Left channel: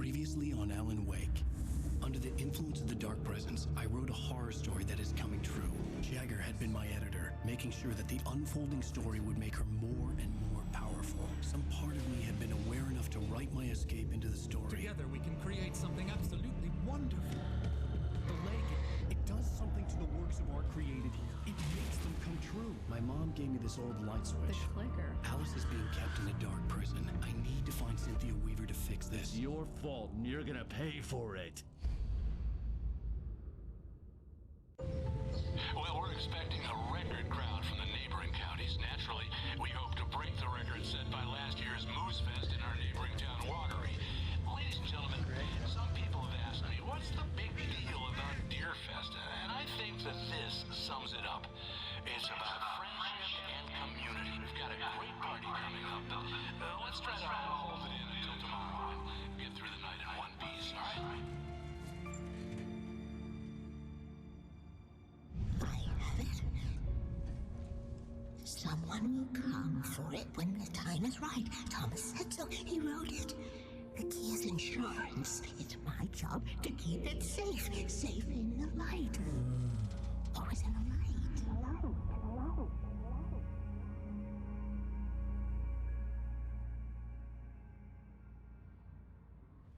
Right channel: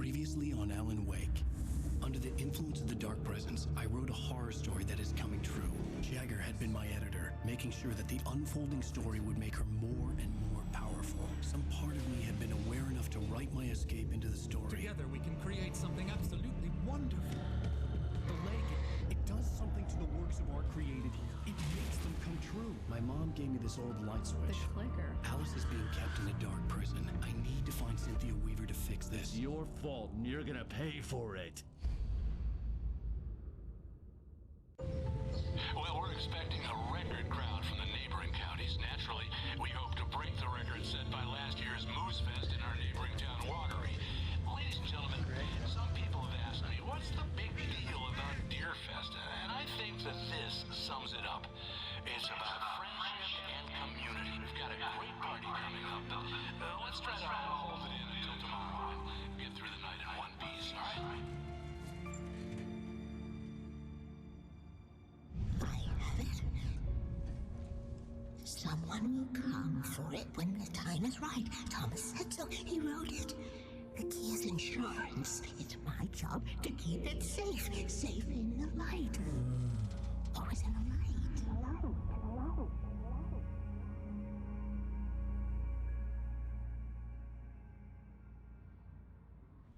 Previously on Alan Wake. Under the influence of the dark presence, I wrote a horror story that is coming true. Jagger had been my editor, making sure that the unfolding story would make her more and more powerful. Some part of me had been aware enough to write my escape into the story. Together we can create something absolutely wonderful. The lake, it does something to the works of art created here. It makes them come true. My mom gave me this old light switch. The clicker. Alice is being kept in a dark prison. I need to find Cynthia Weaver to fix this. It's your fault, and you're gonna pay for it. Well, we're expecting a record crowd from the neighboring counties. Naturally, we hope to break the record set by last year's Moose Fest in our neighboring town, Watery. Ladies and gentlemen, some people have asked me, what's the big deal about Deer Fest? And I think that this sums it up. It's about friendship and community. We've got a great party coming up. Let's try to hold it in until tomorrow and get through the night in one piece, all right? Someone will come for it when the time is right. Thomas said so. He wrote it. The key is insurance. It's my job to keep it safe. Safe in the light. Always in the light.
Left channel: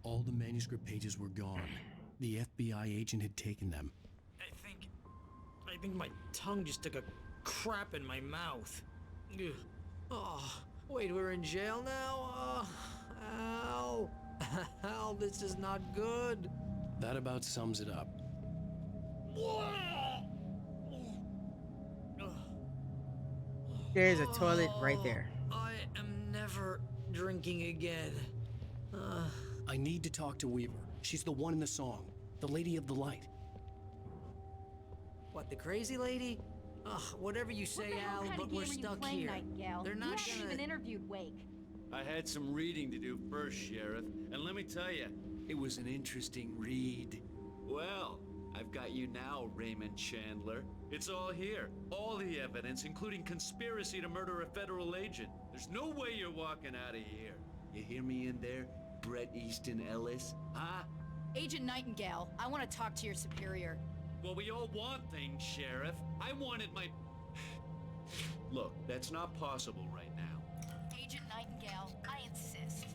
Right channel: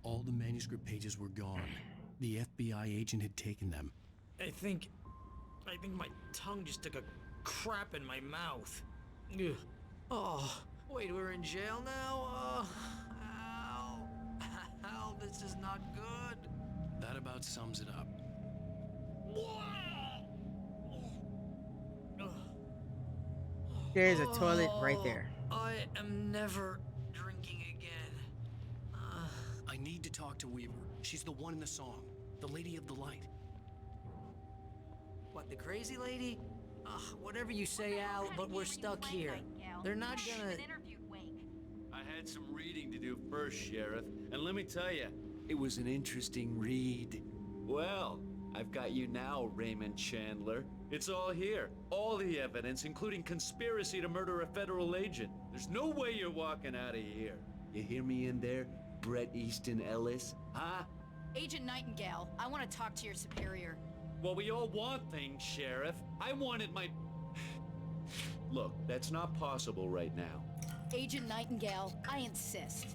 All the manuscript pages were gone. The FBI agent had taken them. I think my tongue just took a crap in my mouth. Ugh. Oh, wait, we're in jail now? Al. Al, this is not good. That about sums it up. There's a toilet right there. I am never drinking again. I need to talk to Weaver. She's the one in the song. The Lady of the Light. What, the crazy lady? Ugh, whatever you say, Al, but we're stuck here. They're not gonna... interviewed Wake. I had some reading to do first, Sheriff, and let me tell you, it was an interesting read. Well, I've got you now, Raymond Chandler. It's all here. All the evidence, including conspiracy to murder a federal agent. There's no way you're walking out of here. You hear me in there, Bret Easton Ellis? Huh? Agent Nightingale, I want to talk to your superior. Well, we all want things, Sheriff. I wanted my... Look, that's not possible right now. Agent Nightingale, I insist.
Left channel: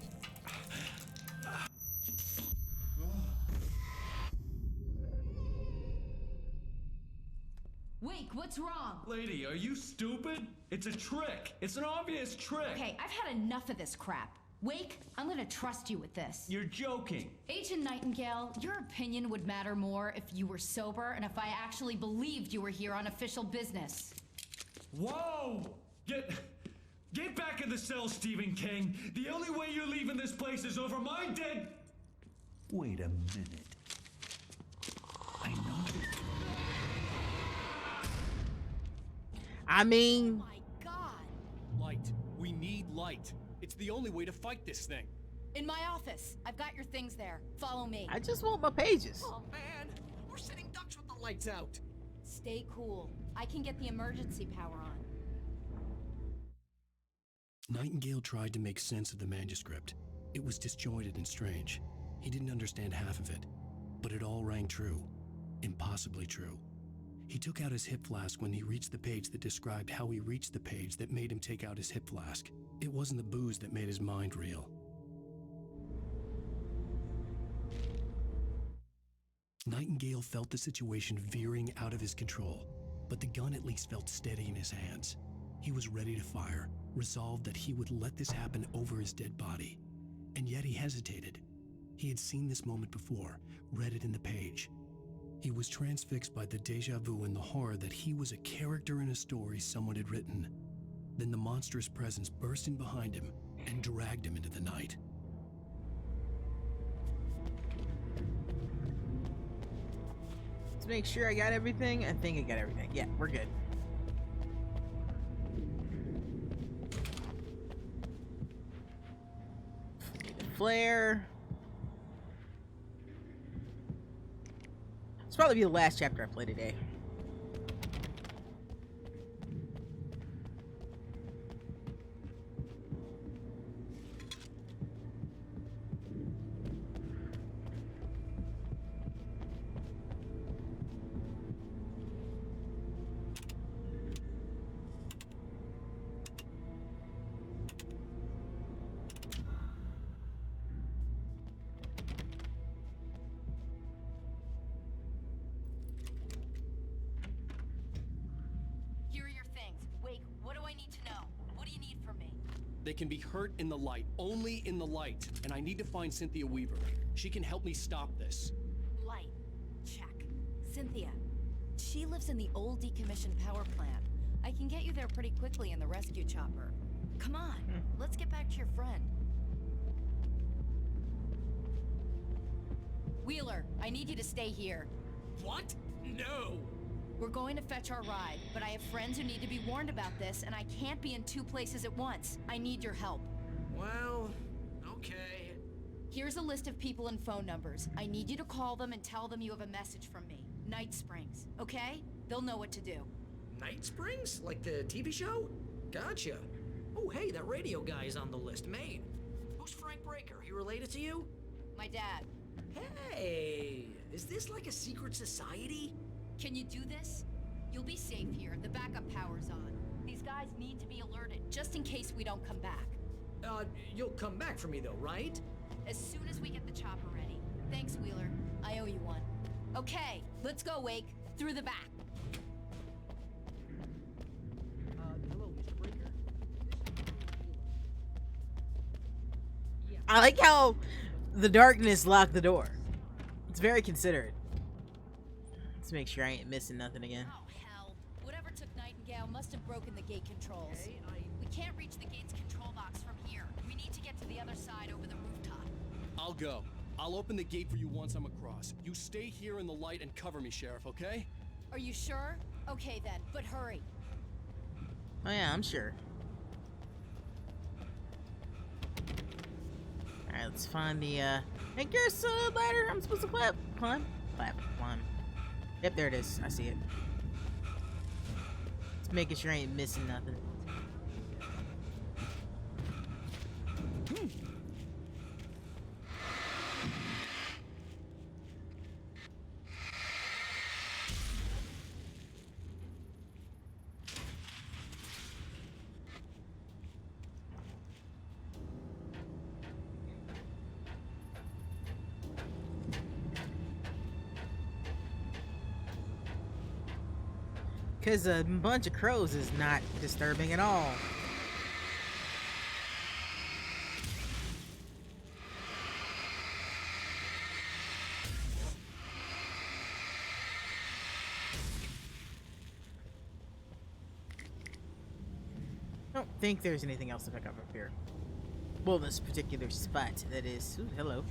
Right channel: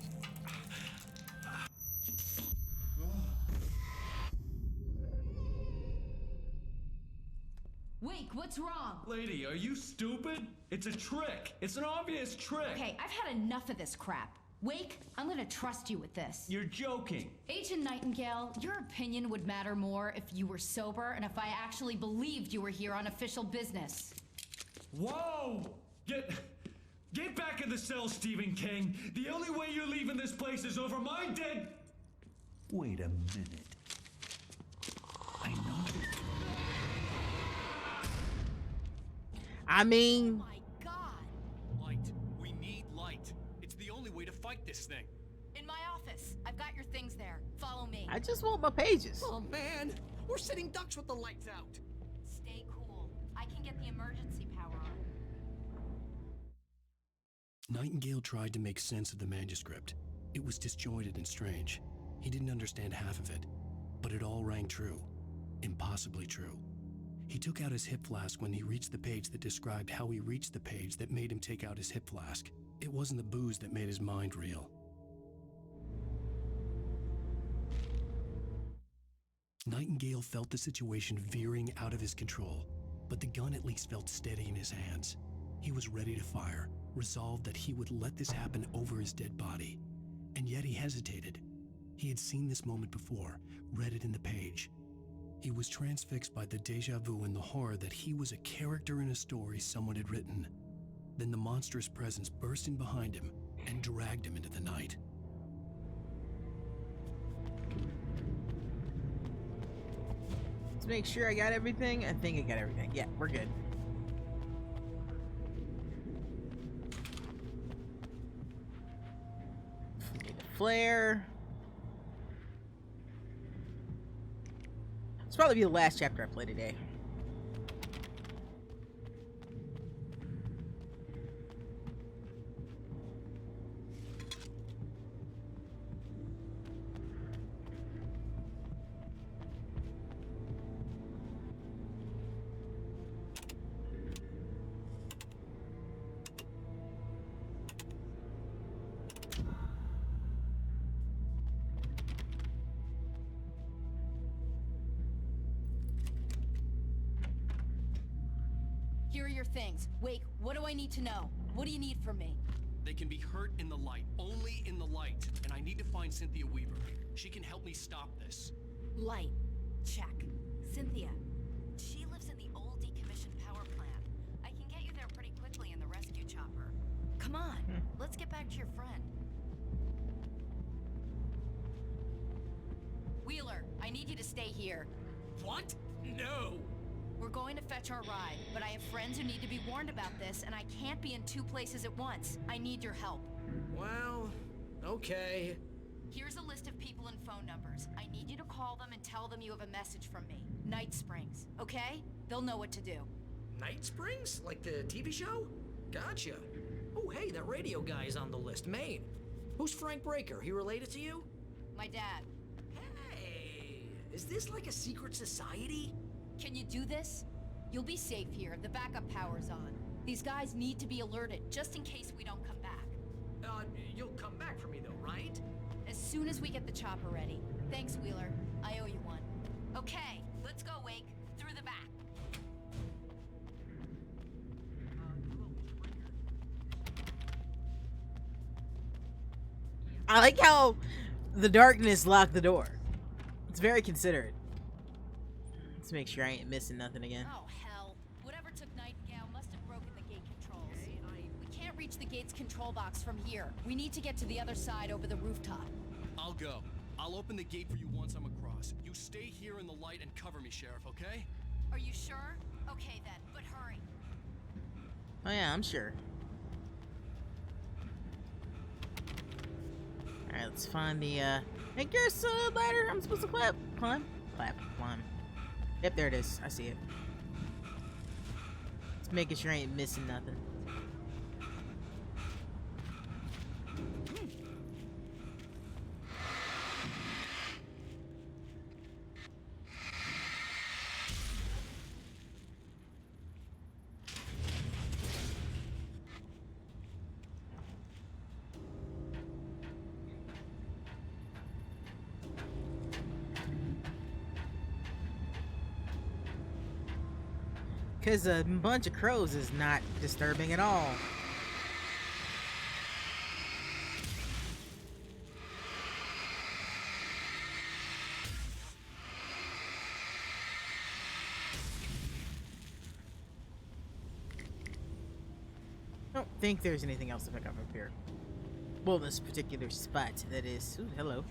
Wake, what's wrong? Lady, are you stupid? It's a trick. It's an obvious trick. Okay, I've had enough of this crap. Wake, I'm gonna trust you with this. You're joking. Agent Nightingale, your opinion would matter more if you were sober and if I actually believed you were here on official business. Whoa! Get back in the cell, Stephen King. The only way you're leaving this place is over my dead... Wait a minute. I know this. I mean... Oh my God! Light. We need light. It's the only way to fight this thing. In my office. I've got your things there. Follow me. I just want my pages. Oh, man. We're sitting ducks with the lights out. Stay cool. I can get the emergency power on. Nightingale tried to make sense of the manuscript. It was disjointed and strange. He didn't understand half of it, but it all rang true. Impossibly true. He took out his hip flask when he reached the page that described how he reached the page that made him take out his hip flask. It wasn't the booze that made his mind reel. Nightingale felt the situation veering out of his control, but the gun at least felt steady in his hands. He was ready to fire, resolved that he would let this happen over his dead body. And yet he hesitated. He had seen this moment before, read it in the page. He was transfixed by the déjà vu and the horror that he was a character in a story someone had written. Then the monstrous presence burst in behind him and dragged him into the night. Let's make sure I got everything. I think I got everything. Yeah, we're good. Need a flare. This will probably be the last chapter I play today. What do I need to know? What do you need from me? They can be hurt in the light, only in the light. And I need to find Cynthia Weaver. She can help me stop this. Light. Check. Cynthia. She lives in the old decommissioned power plant. I can get you there pretty quickly in the rescue chopper. Come on, let's get back to your friend. Wheeler, I need you to stay here. What? No! We're going to fetch our ride, but I have friends who need to be warned about this, and I can't be in two places at once. I need your help. Well, okay. Here's a list of people and phone numbers. I need you to call them and tell them you have a message from me. Night Springs, okay? They'll know what to do. Night Springs? Like the TV show? Gotcha. Oh, hey, that radio guy is on the list. Maine. Who's Frank Breaker? He related to you? My dad. Hey, is this like a secret society? Can you do this? You'll be safe here. The backup power's on. These guys need to be alerted, just in case we don't come back. You'll come back for me though, right? As soon as we get the chopper ready. Thanks, Wheeler. I owe you one. Okay, let's go, Wake. Through the back. Hello, Mr. Breaker. I like how the darkness locked the door. It's very considerate. Let's make sure I ain't missing nothing again. Oh, hell. Whatever took Nightingale must have broken the gate controls. Okay, We can't reach the gate's control box from here. We need to get to the other side over the rooftop. I'll go. I'll open the gate for you once I'm across. You stay here in the light and cover me, Sheriff, okay? Are you sure? Okay then, but hurry. Oh yeah, I'm sure. Alright, let's find the, hey, there's a ladder I'm supposed to climb. Yep, there it is. I see it. Just making sure I ain't missing nothing. Because a bunch of crows is not disturbing at all. I don't think there's anything else to pick up here. Well, this particular spot, that is. Ooh, hello.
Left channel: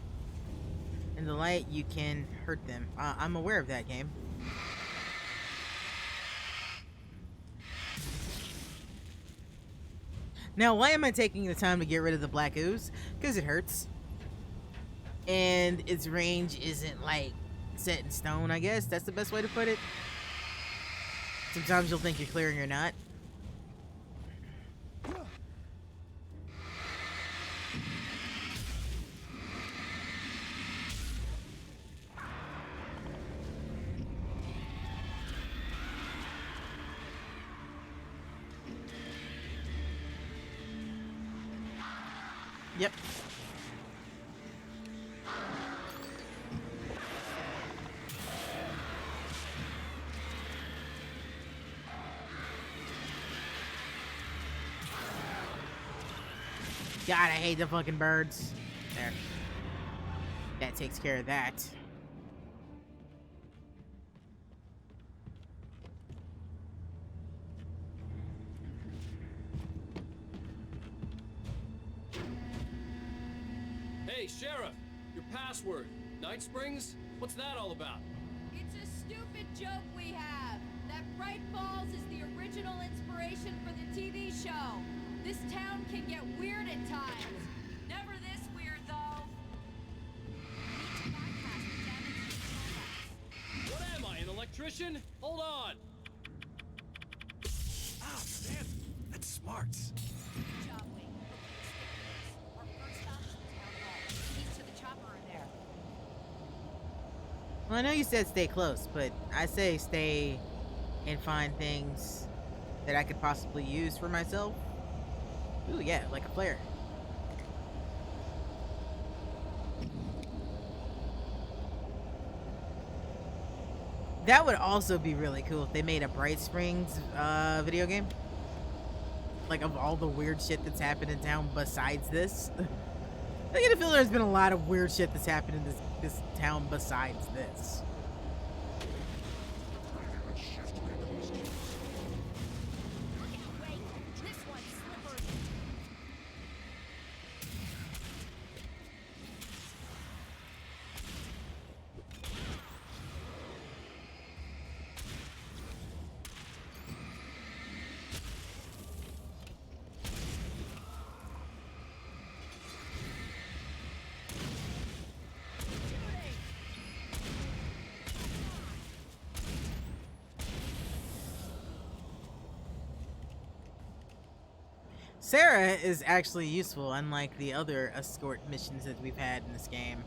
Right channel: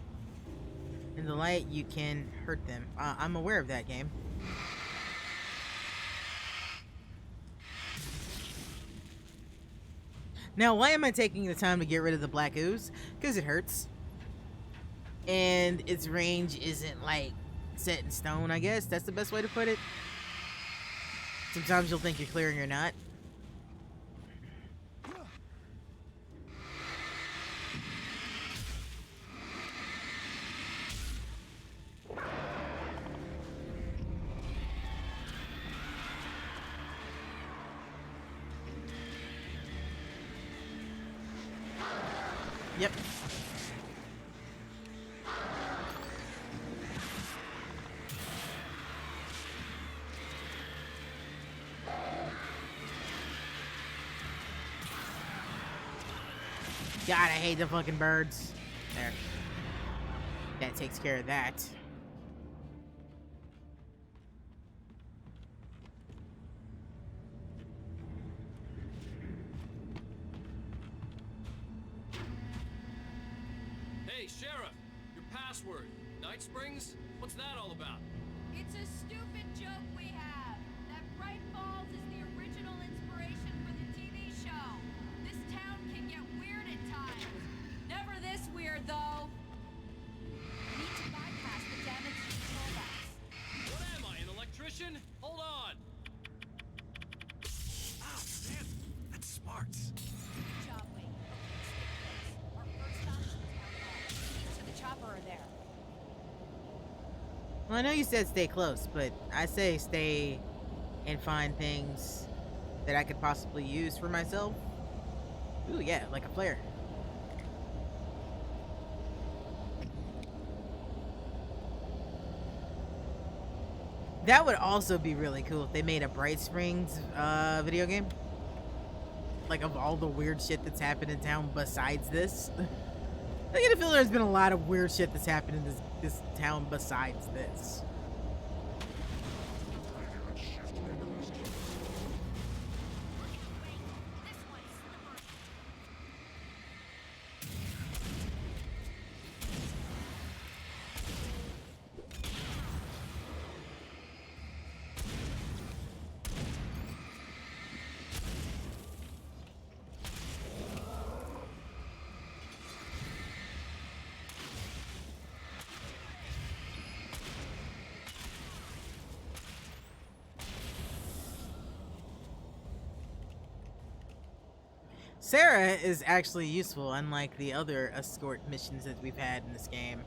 In the light, you can hurt them. I'm aware of that, game. Now, why am I taking the time to get rid of the black ooze? Because it hurts. And its range isn't, like, set in stone, I guess. That's the best way to put it. Sometimes you'll think you're clear and you're not. Yep. God, I hate the fucking birds. There. That takes care of that. Hey, Sheriff! Your password. Night Springs? What's that all about? It's a stupid joke we have. That Bright Falls is the original inspiration for the TV show. This town can get weird at times. Never this weird, though. We need to bypass the damaged control box. What am I, an electrician? Hold on! Ah, damn. That's smart. Good job, Wade. Okay, stick close. Our first stop is the town hall. The keys to the chopper are there. Well, I know you said stay close, but I say stay and find things that I could possibly use for myself. Ooh, yeah, like a flare. That would also be really cool if they made a Bright Springs video game. like, of all the weird shit that's happened in town besides this. I get a feeling there's been a lot of weird shit that's happened in this town besides this. Sarah is actually useful, unlike the other escort missions that we've had in this game.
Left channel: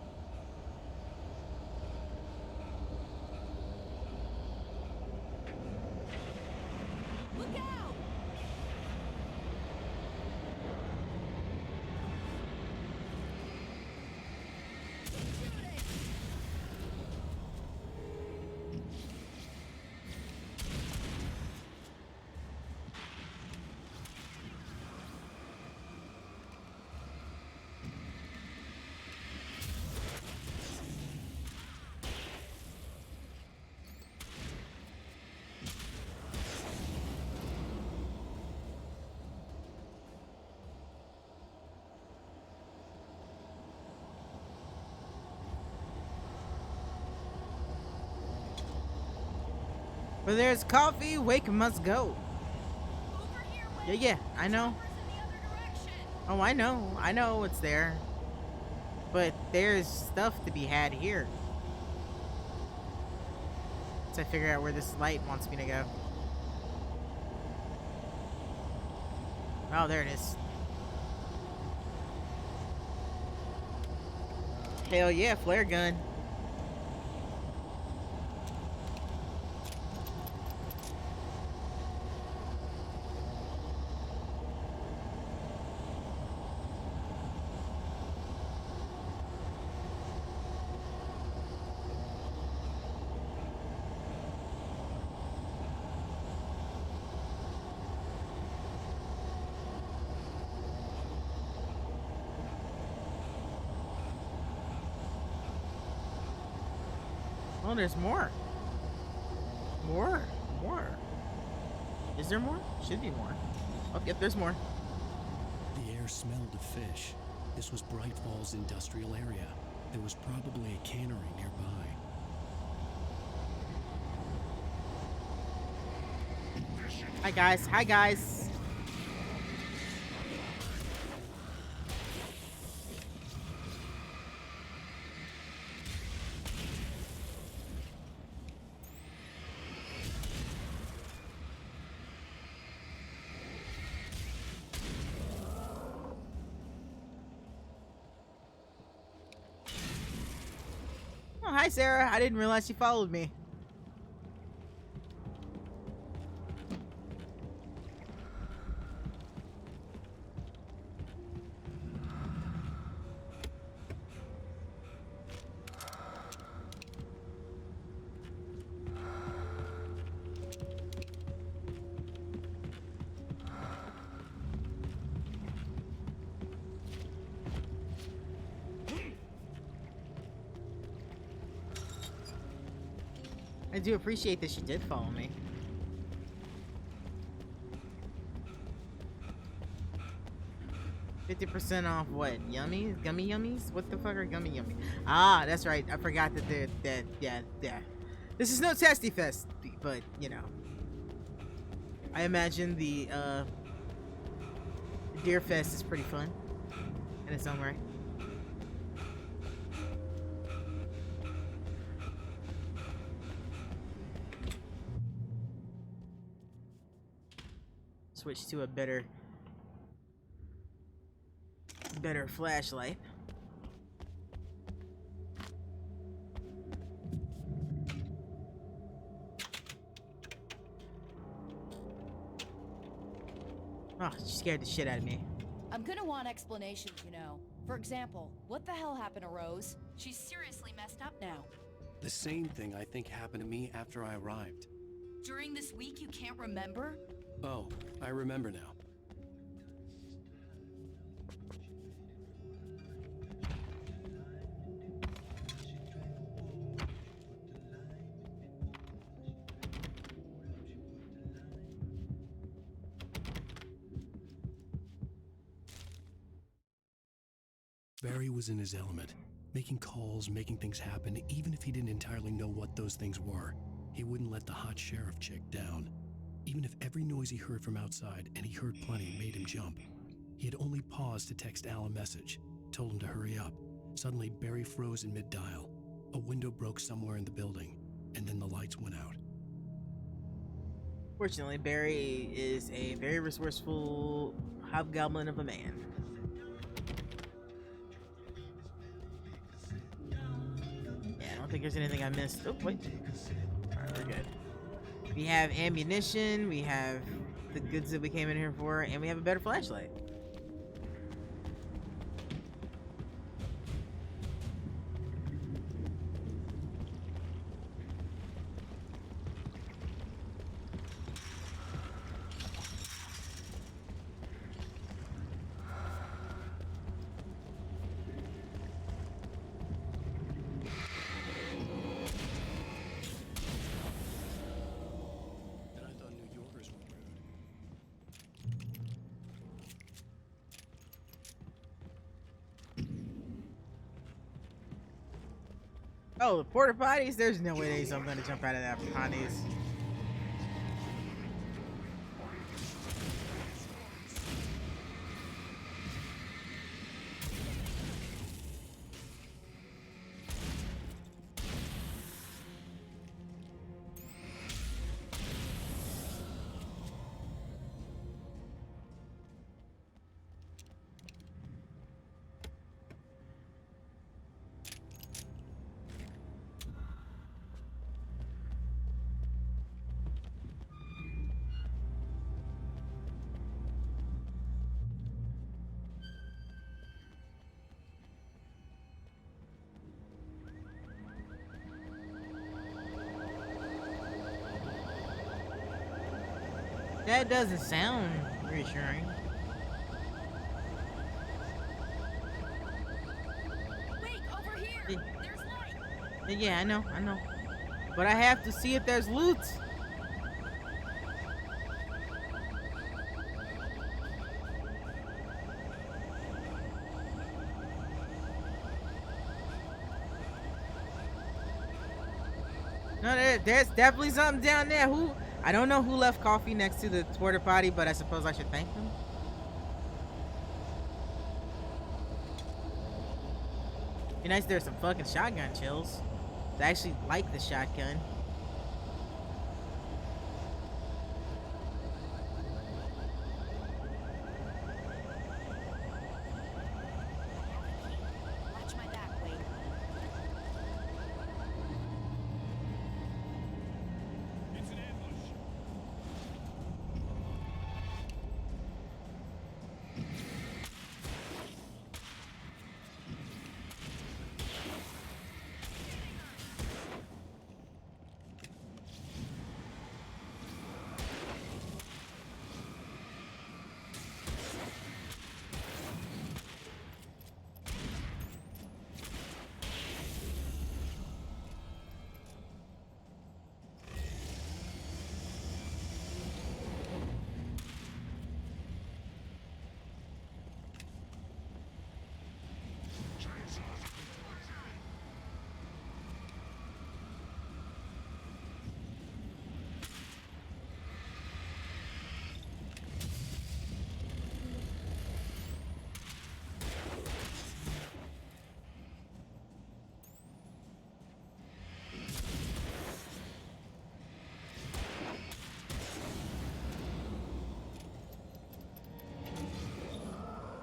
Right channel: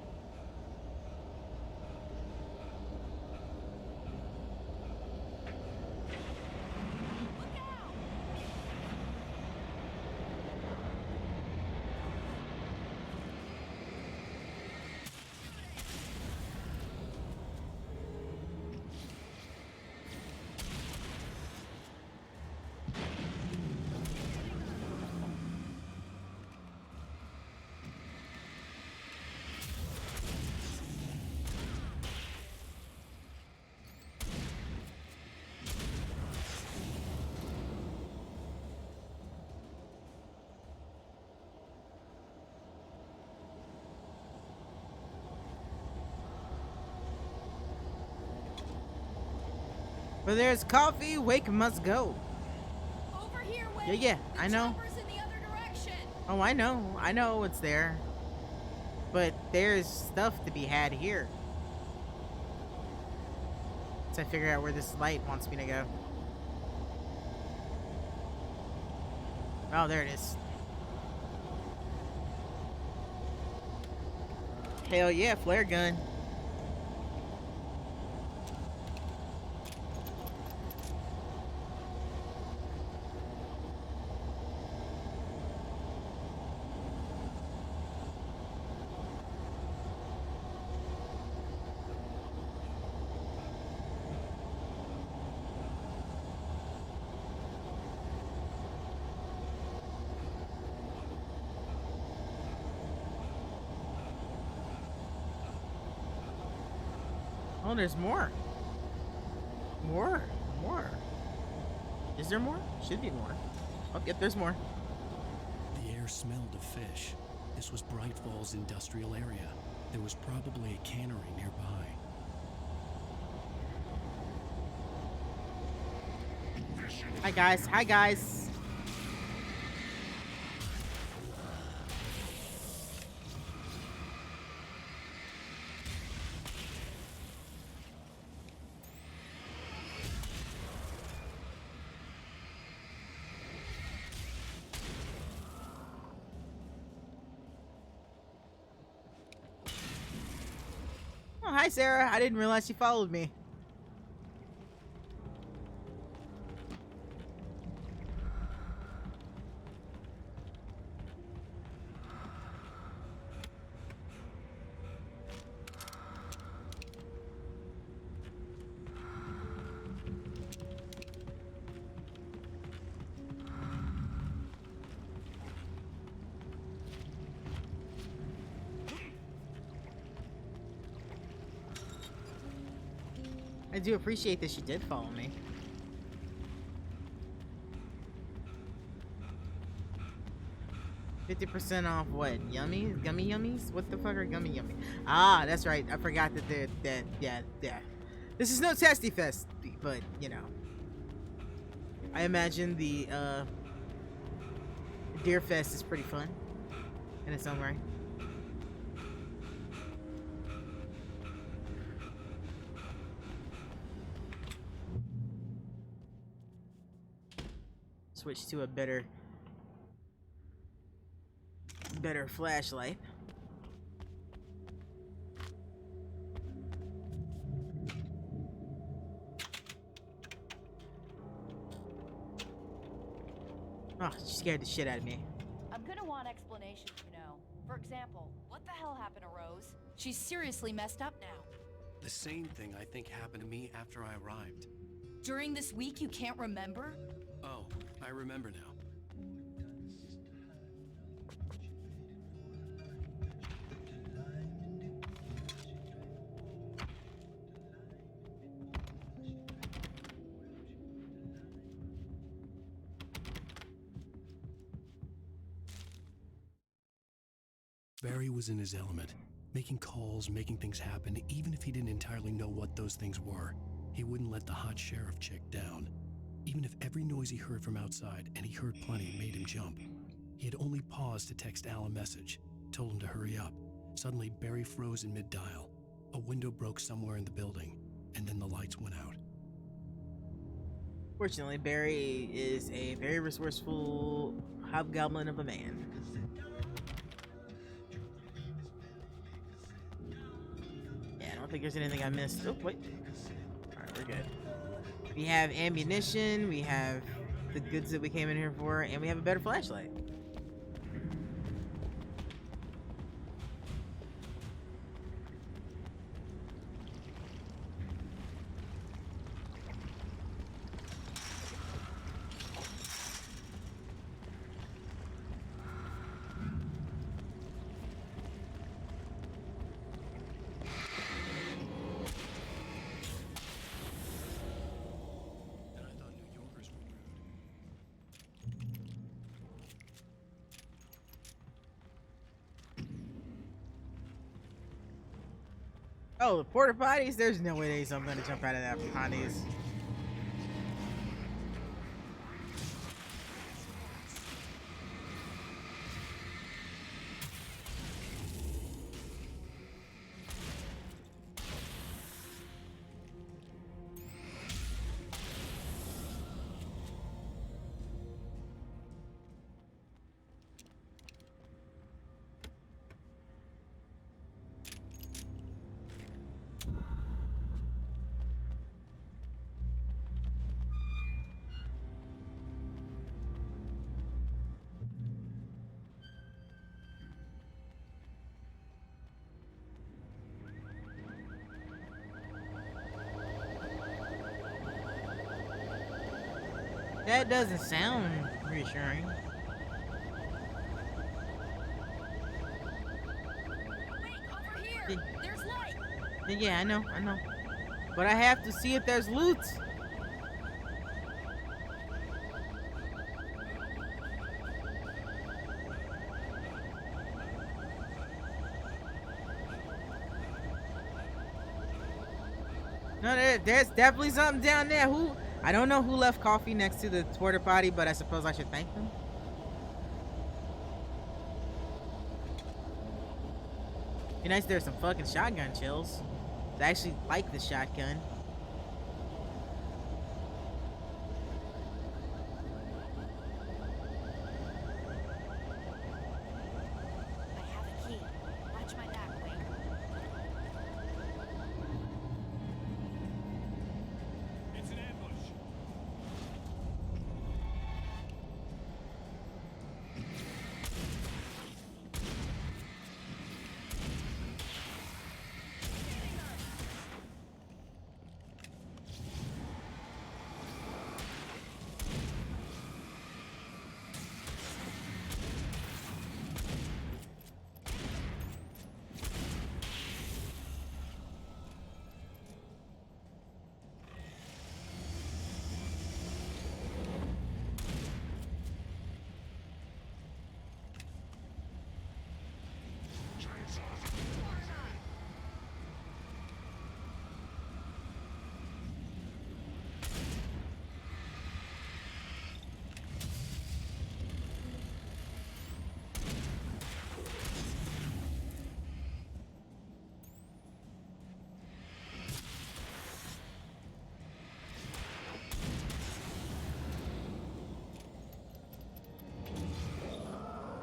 Where there's coffee, Wake must go. Over here, Yeah, yeah, I know. Chopper's in the other direction. Oh, I know it's there. But there's stuff to be had here. So I figure out where this light wants me to go. Oh, there it is. Hell yeah, flare gun. Oh, there's more. More. Is there more? Should be more. Oh, yep, there's more. The air smelled of fish. This was Bright Falls industrial area. There was probably a cannery nearby. Hi, guys. Hi, guys. Oh, hi, Sarah. I didn't realize you followed me. I do appreciate that she did follow me. $50% off what? Yummies? Gummy yummies? What the fuck are gummy yummies? Ah, that's right. I forgot that yeah. This is no Testy Fest, but you know. I imagine the Deer Fest is pretty fun in its own right. Switch to a better flashlight. Oh, she scared the shit out of me. I'm gonna want explanations, you know. For example, what the hell happened to Rose? She's seriously messed up now. The same thing I think happened to me after I arrived. During this week, you can't remember? Oh, I remember now. Barry was in his element, making calls, making things happen, even if he didn't entirely know what those things were. He wouldn't let the hot sheriff chick down. Even if every noise he heard from outside, and he heard plenty, made him jump. He had only paused to text Al a message, told him to hurry up. Suddenly, Barry froze in mid-dial. A window broke somewhere in the building, and then the lights went out. Fortunately, Barry is a very resourceful hobgoblin of a man. Yeah, I don't think there's anything I missed. Oh, wait. Alright, we're good. We have ammunition, we have the goods that we came in here for, and we have a better flashlight. And I thought New Yorkers were rude. Oh, the porta potties? There's no way I'm gonna jump out of that behind these. That doesn't sound reassuring. Wait, over here! There's light! Yeah, I know. But I have to see if there's loot. No, there's definitely something down there. I don't know who left coffee next to the porta potty, but I suppose I should thank them. Be nice if there's some fucking shotgun chills. I actually like the shotgun. I have a key. Watch my back, Wade. It's an ambush.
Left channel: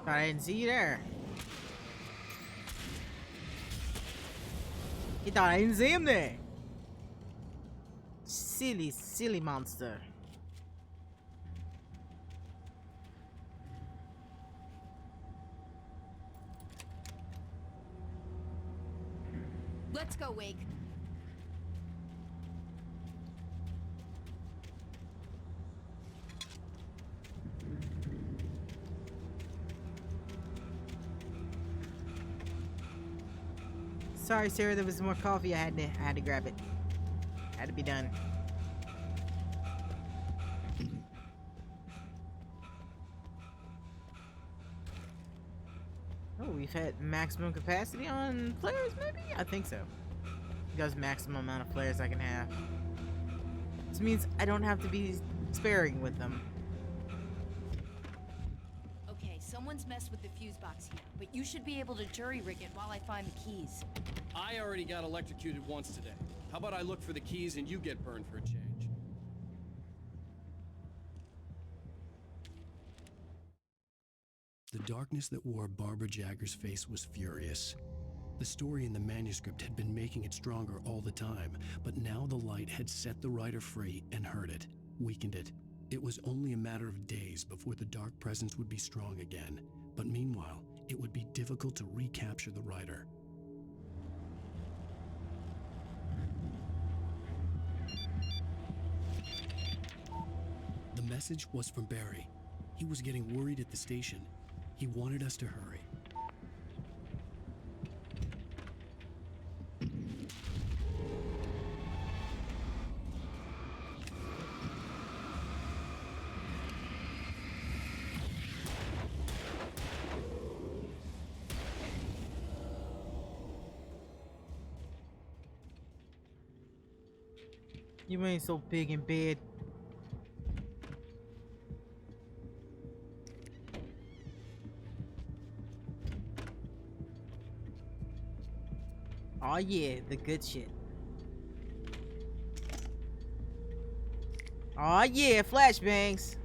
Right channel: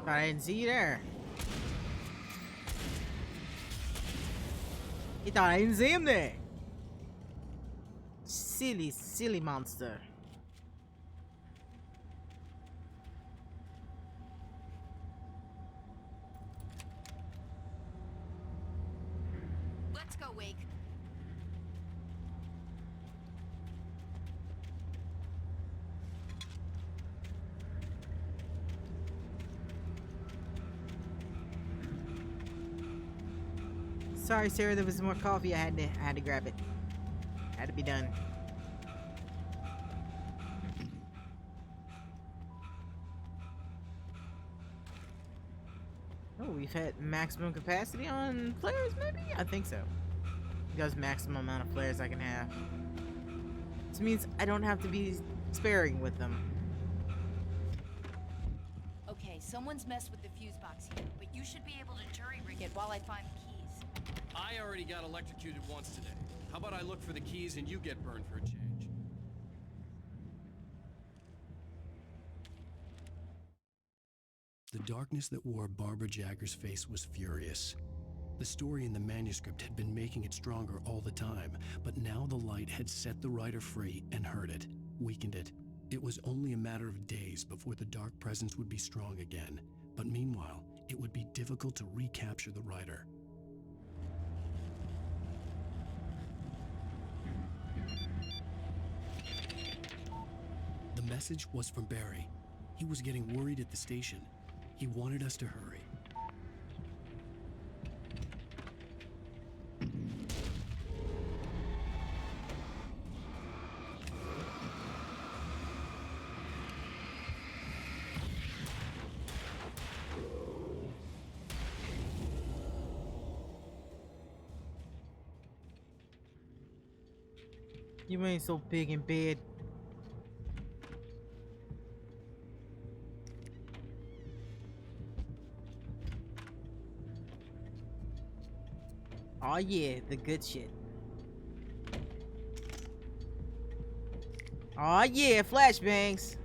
Thought I didn't see you there. He thought I didn't see him there. Silly, silly monster. Let's go, Wake. Sorry, Sarah, there was more coffee. I had to grab it. Had to be done. Oh, we We've had maximum capacity on flares, maybe? I think so. Because maximum amount of flares I can have. This means I don't have to be sparing with them. Okay, someone's messed with the fuse box here, but you should be able to jury rig it while I find the keys. I already got electrocuted once today. How about I look for the keys and you get burned for a change? The darkness that wore Barbara Jagger's face was furious. The story in the manuscript had been making it stronger all the time, but now the light had set the writer free and hurt it, weakened it. It was only a matter of days before the dark presence would be strong again, but meanwhile, it would be difficult to recapture the writer. The message was from Barry. He was getting worried at the station. He wanted us to hurry. You ain't so big in bed. Oh yeah, the good shit. Oh yeah, flashbangs.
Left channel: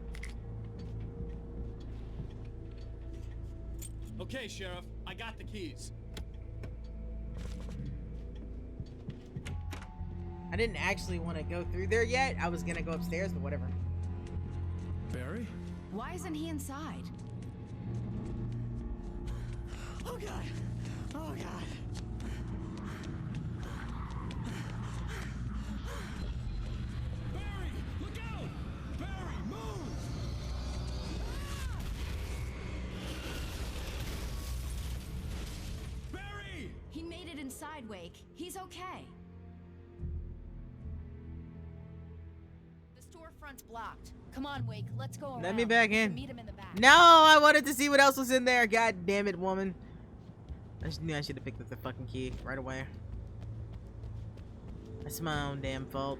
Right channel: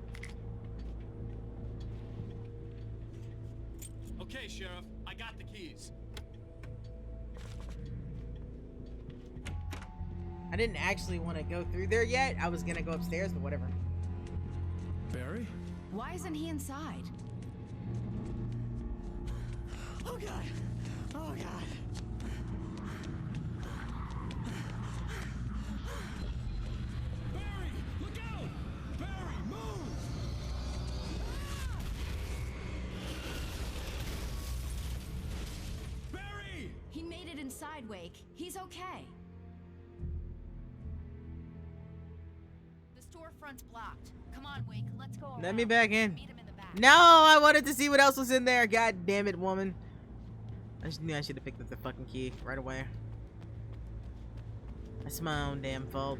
Okay, Sheriff, I got the keys. I didn't actually want to go through there yet. I was gonna go upstairs, but whatever. Barry? Why isn't he inside? Oh God! Oh God! Barry! Look out! Barry, move! Barry! He made it inside, Wake. He's okay. The storefront's blocked. Come on, Wake. Let's go around. Let me back in. Meet him in the back. No, I wanted to see what else was in there. God damn it, woman. I just knew I should have picked up the fucking key right away. That's my own damn fault.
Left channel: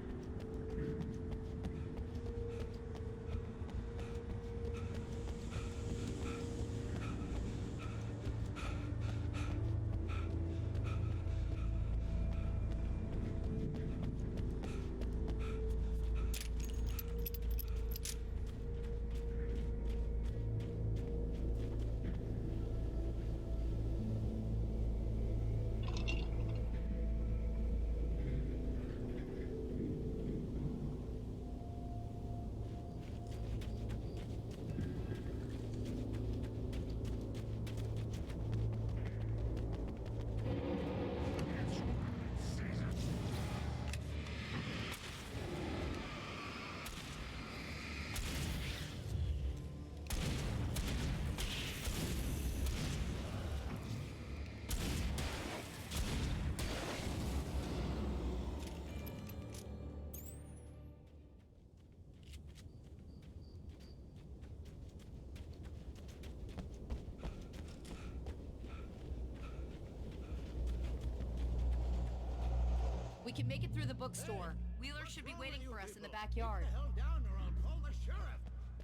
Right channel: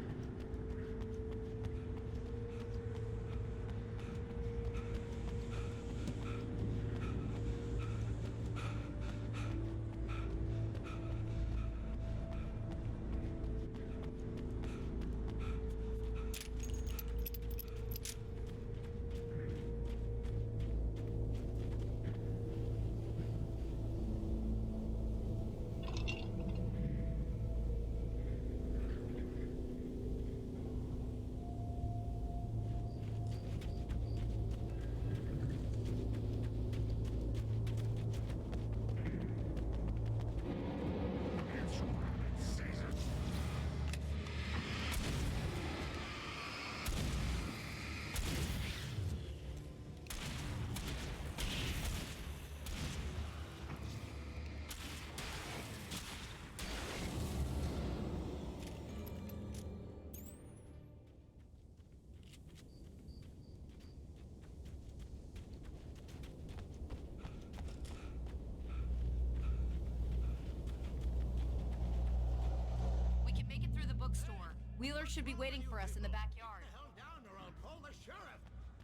We can make it through the bookstore. Wheeler should be waiting for us in the backyard. Keep the hell down or I'll call the sheriff.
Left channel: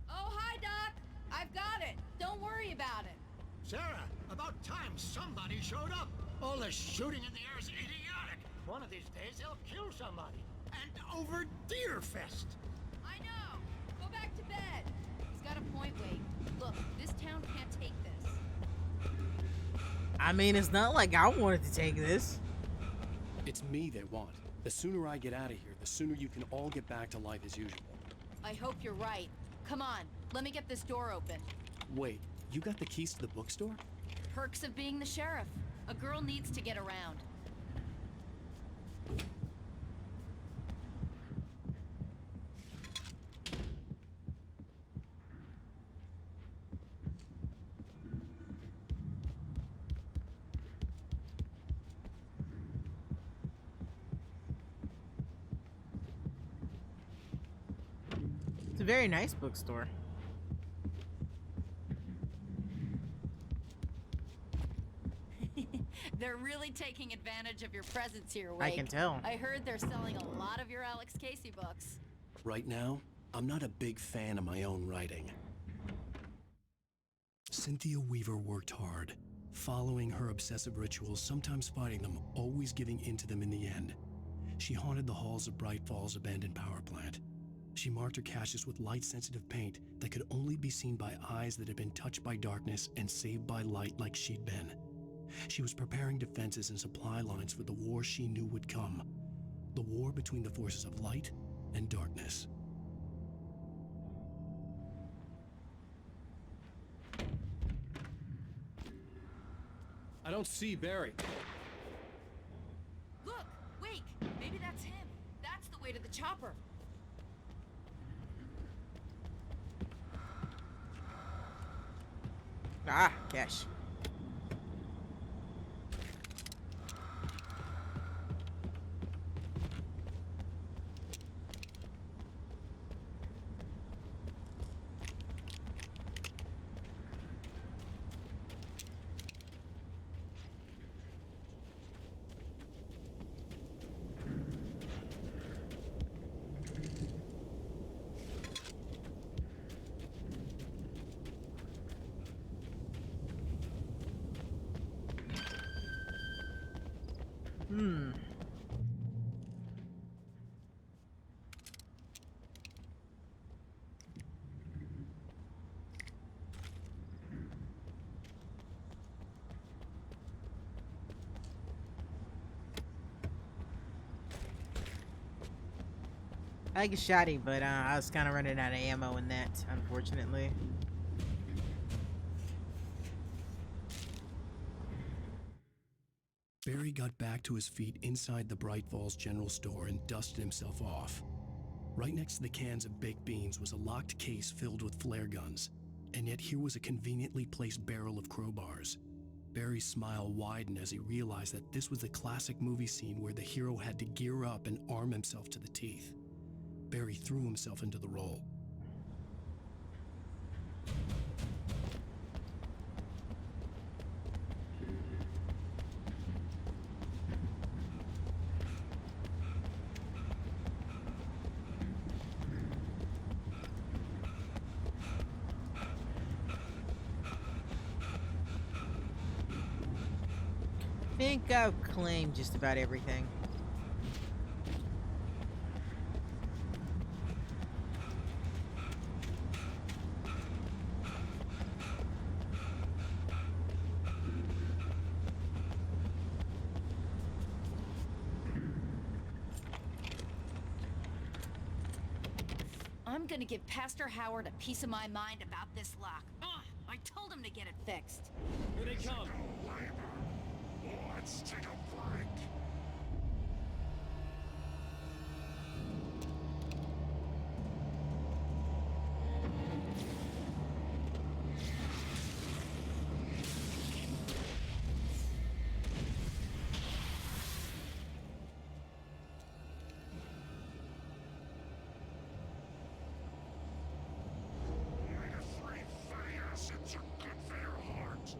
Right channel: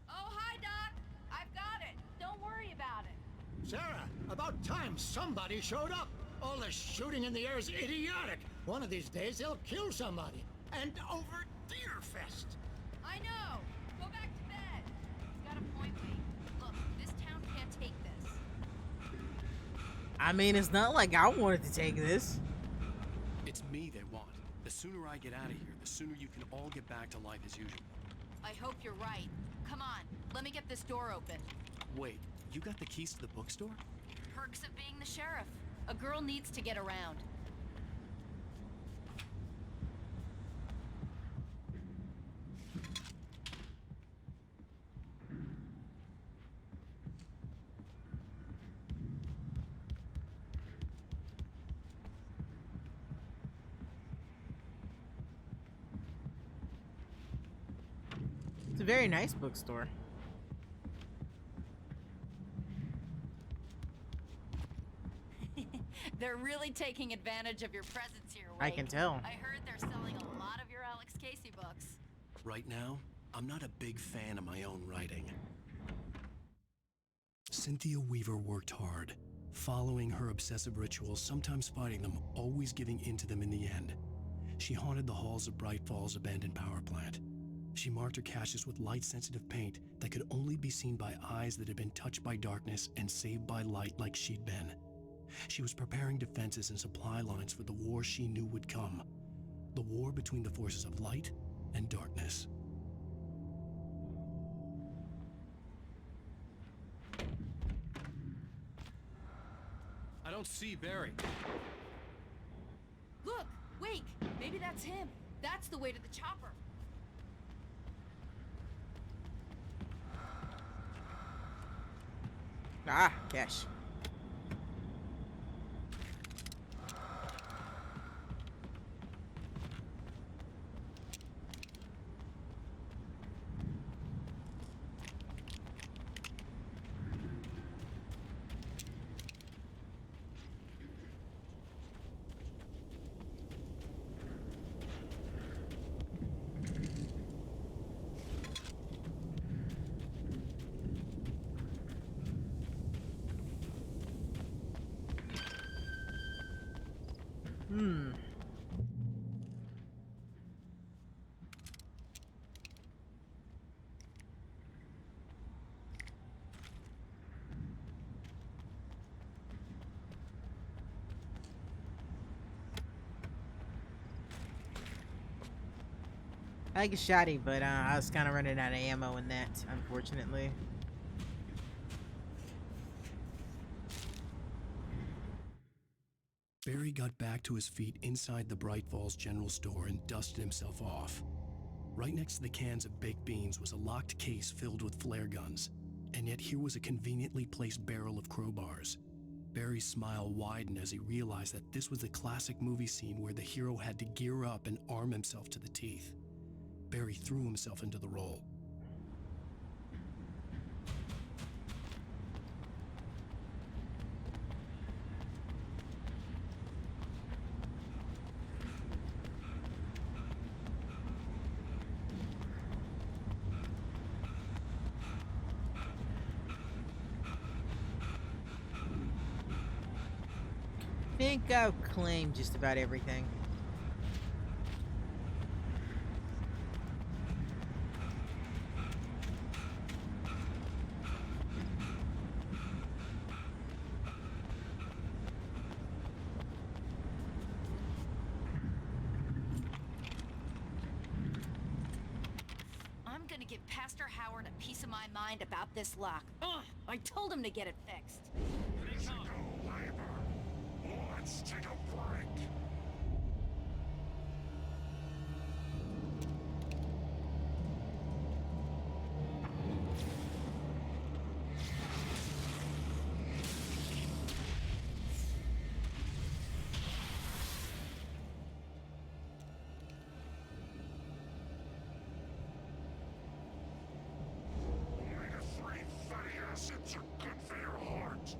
Oh, hi, Doc. I've got it. Don't worry about it. Sarah, about time somebody showed up. All this shooting in the air is idiotic. One of these days they'll kill somebody. And over Deerfest. I know. Go back to bed. He's got a point, Wake. Look, this town can't take this. I mean, it's not like I wanted to take this. It's me they want. The sooner I get out of here, the sooner you can all get back to life as usual. I hope you're right. Come on, let me get this door open. Wait, you got the keys to the bookstore? Perks of being the sheriff. A girl needs to get around. It's a very nice bookstore. They're really taking advantage of your presence here, Wake. I can tell. I heard they're selling a lot of your Alex Casey books. Right now, I'm not a big fan of my own writing. Cynthia Weaver worked hard, following her obsessive rituals, sometimes fighting them, always giving in to them in the end. She haunted the halls of Bright Falls abandoned power plant. She marked her caches with light-sensitive paint that could only be seen by eyes that had been touched by darkness and saved by light like she'd been. She was preparing defenses and supply lines for the war she knew would come. The war between the forces of light and darkness. I don't see Barry. Look! Wake! Maybe that's him. That's the way to the chopper. Ah, cash. I like a shotty, but I was kind of running out of ammo in that, unfortunately. Barry got back to his feet inside the Bright Falls General Store and dusted himself off. Right next to the cans of baked beans was a locked case filled with flare guns, and yet here was a conveniently placed barrel of crowbars. Barry's smile widened as he realized that this was the classic movie scene where the hero had to gear up and arm himself to the teeth. Barry threw himself into the role. I think I've claimed just about everything. I'm gonna give Pastor Howard a piece of my mind about this lock. Ugh, I told him to get it fixed. Here they come. Let's take a break. Omega-3 fatty acids are good for your heart.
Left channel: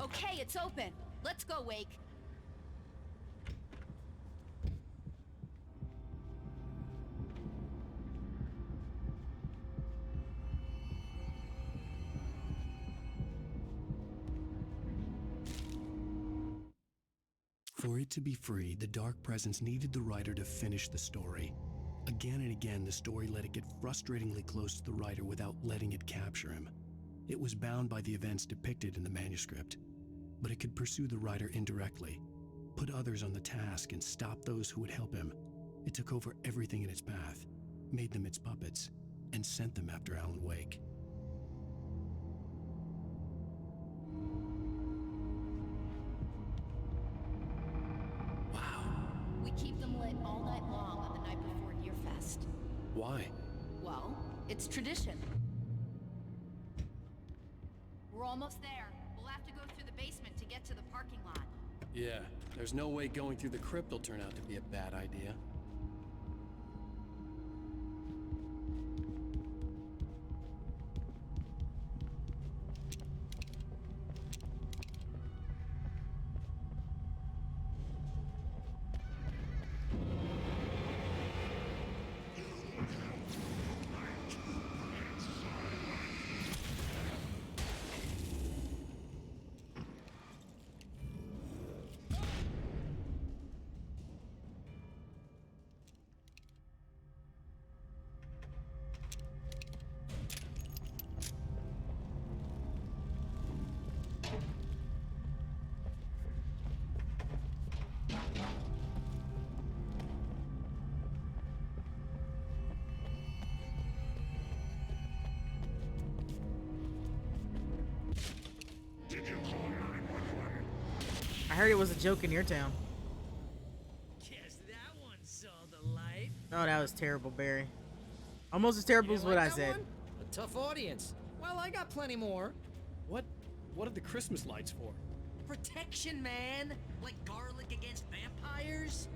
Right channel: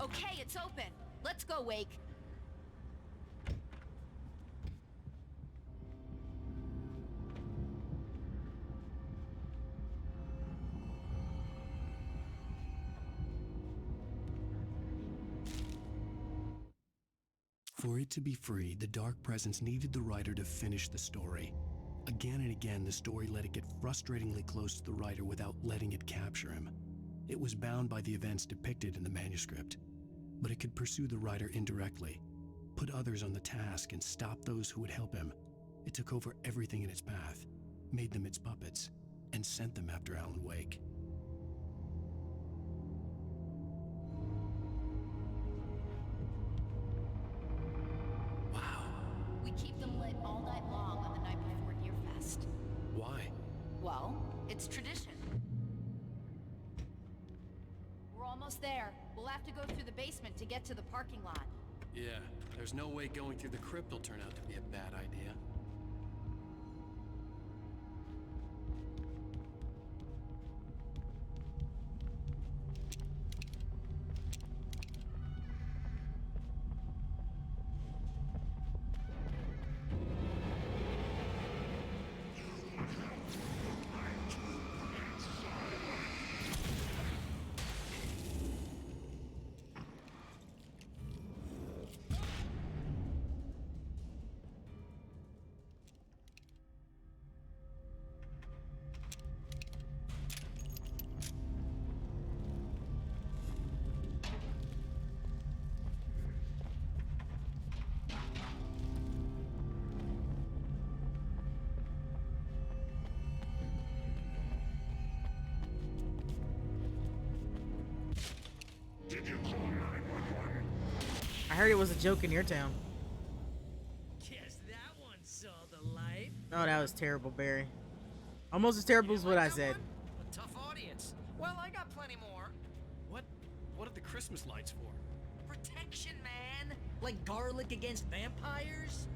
Okay, it's open. Let's go, Wake. For it to be free, the Dark Presence needed the writer to finish the story. Again and again, the story let it get frustratingly close to the writer without letting it capture him. It was bound by the events depicted in the manuscript, but it could pursue the writer indirectly, put others on the task, and stop those who would help him. It took over everything in its path, made them its puppets, and sent them after Alan Wake. Wow. We keep them lit all night long on the night before Deerfest. Why? Well, it's tradition. We're almost there. We'll have to go through the basement to get to the parking lot. Yeah, there's no way going through the crypt will turn out to be a bad idea. Did you call 911? I heard it was a joke in your town. Guess that one saw the light. Oh, that was terrible, Barry. Almost as terrible as what I said. A tough audience. Well, I got plenty more. What are the Christmas lights for? Protection, man. Like garlic against vampires.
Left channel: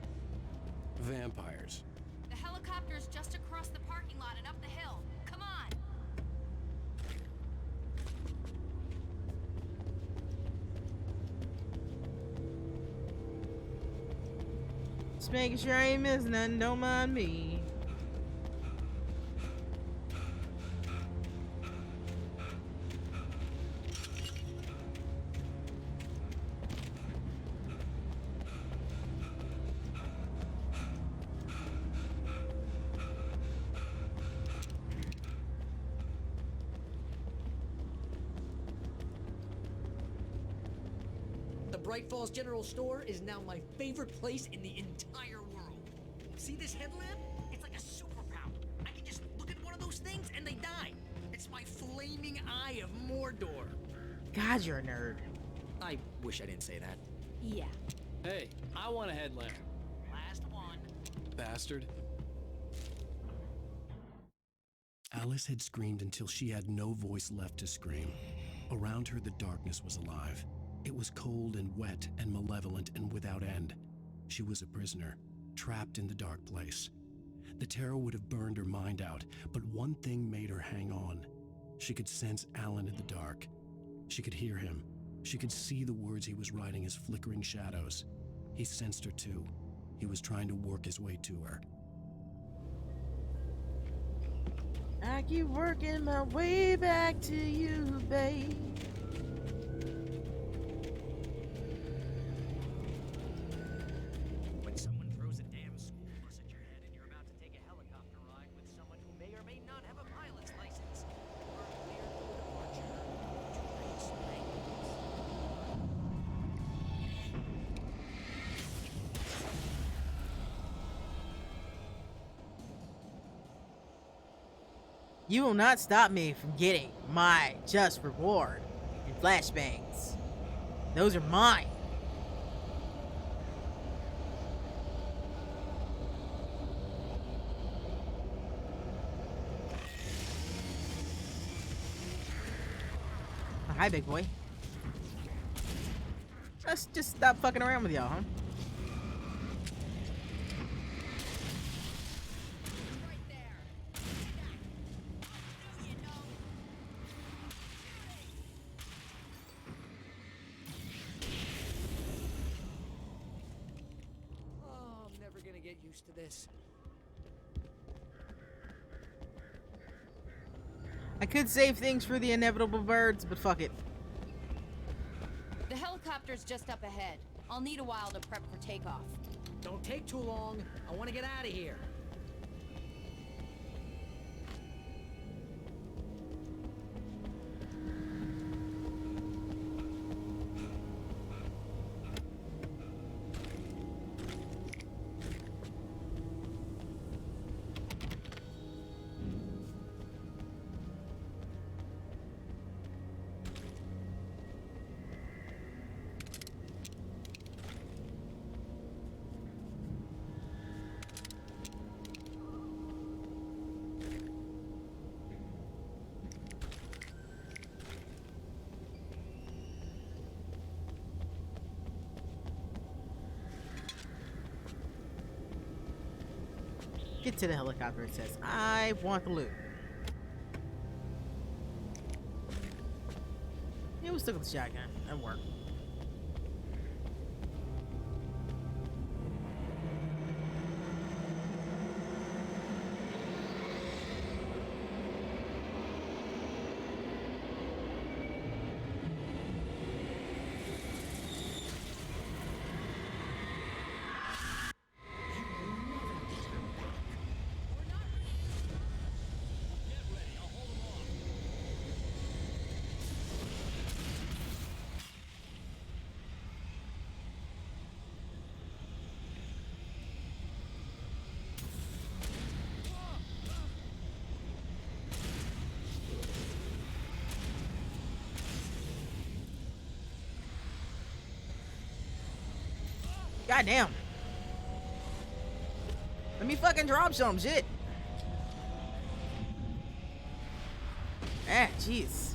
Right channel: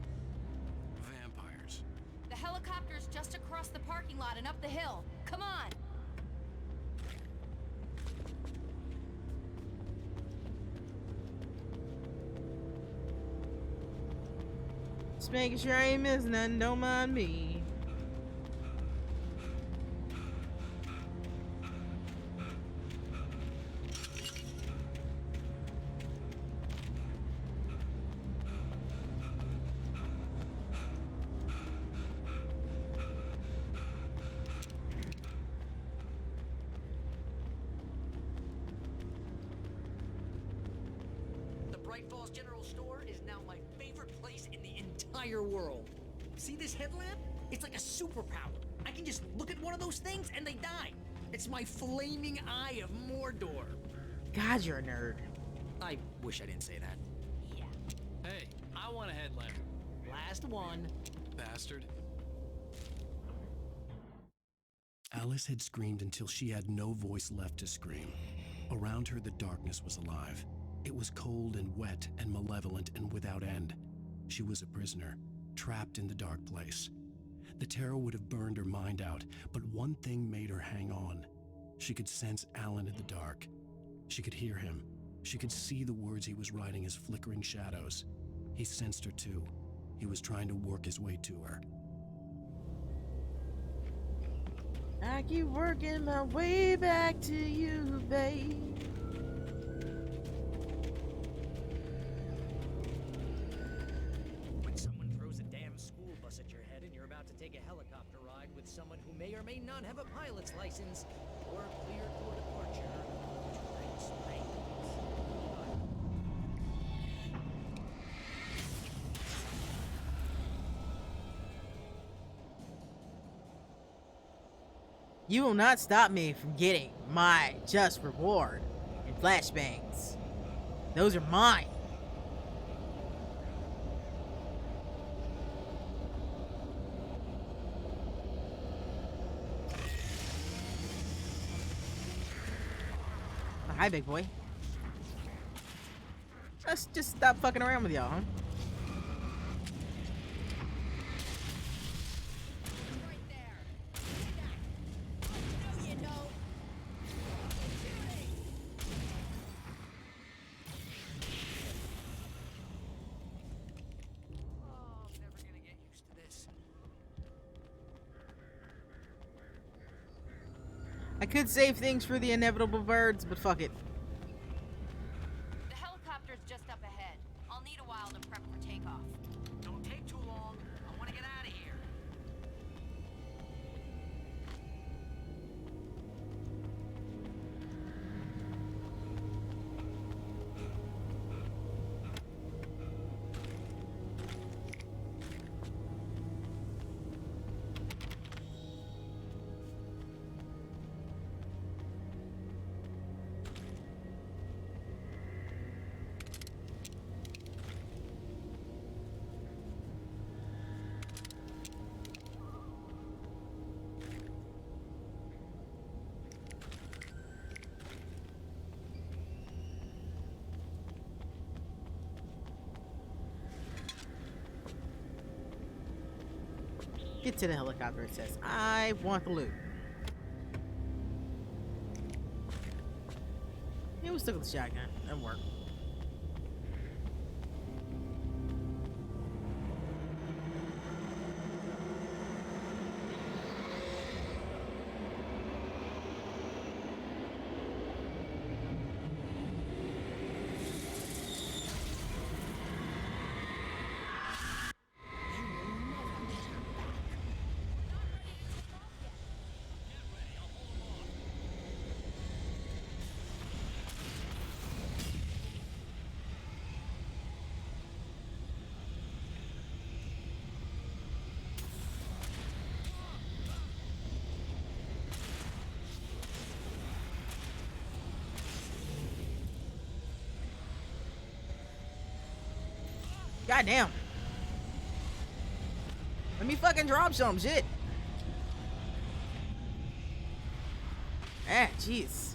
Vampires. The helicopter's just across the parking lot and up the hill. Come on! Just making sure I ain't missing nothing, don't mind me. Bright Falls General Store is now my favorite place in the entire world. See this headlamp? It's like a superpower. I can just look at one of those things and they die. It's my flaming eye of Mordor. God, you're a nerd. I wish I didn't say that. Yeah. Hey, I want a headlamp. Last one. Bastard. Alice had screamed until she had no voice left to scream. Around her, the darkness was alive. It was cold and wet and malevolent and without end. She was a prisoner, trapped in the dark place. The terror would have burned her mind out, but one thing made her hang on. She could sense Alan in the dark. She could hear him. She could see the words he was writing as flickering shadows. He sensed her too. He was trying to work his way to her. I keep working my way back to you, babe. When someone throws a damn school bus at your head and you're about to take a helicopter ride with someone who may or may not have a pilot's license or cleared for departure to Night Springs. You will not stop me from getting my just reward in flashbangs. Those are mine. Oh, hi, big boy. Let's just stop fucking around with y'all, huh? Right there. You know. Oh, I'm never gonna get used to this. I could save things for the inevitable birds, but fuck it. The helicopter's just up ahead. I'll need a while to prep for takeoff. Don't take too long. I want to get out of here. Get to the helicopter, it says. I want the loot. Yeah, we'll stick with the shotgun. That'll work. Goddamn. Let me fucking drop some shit. Ah, jeez.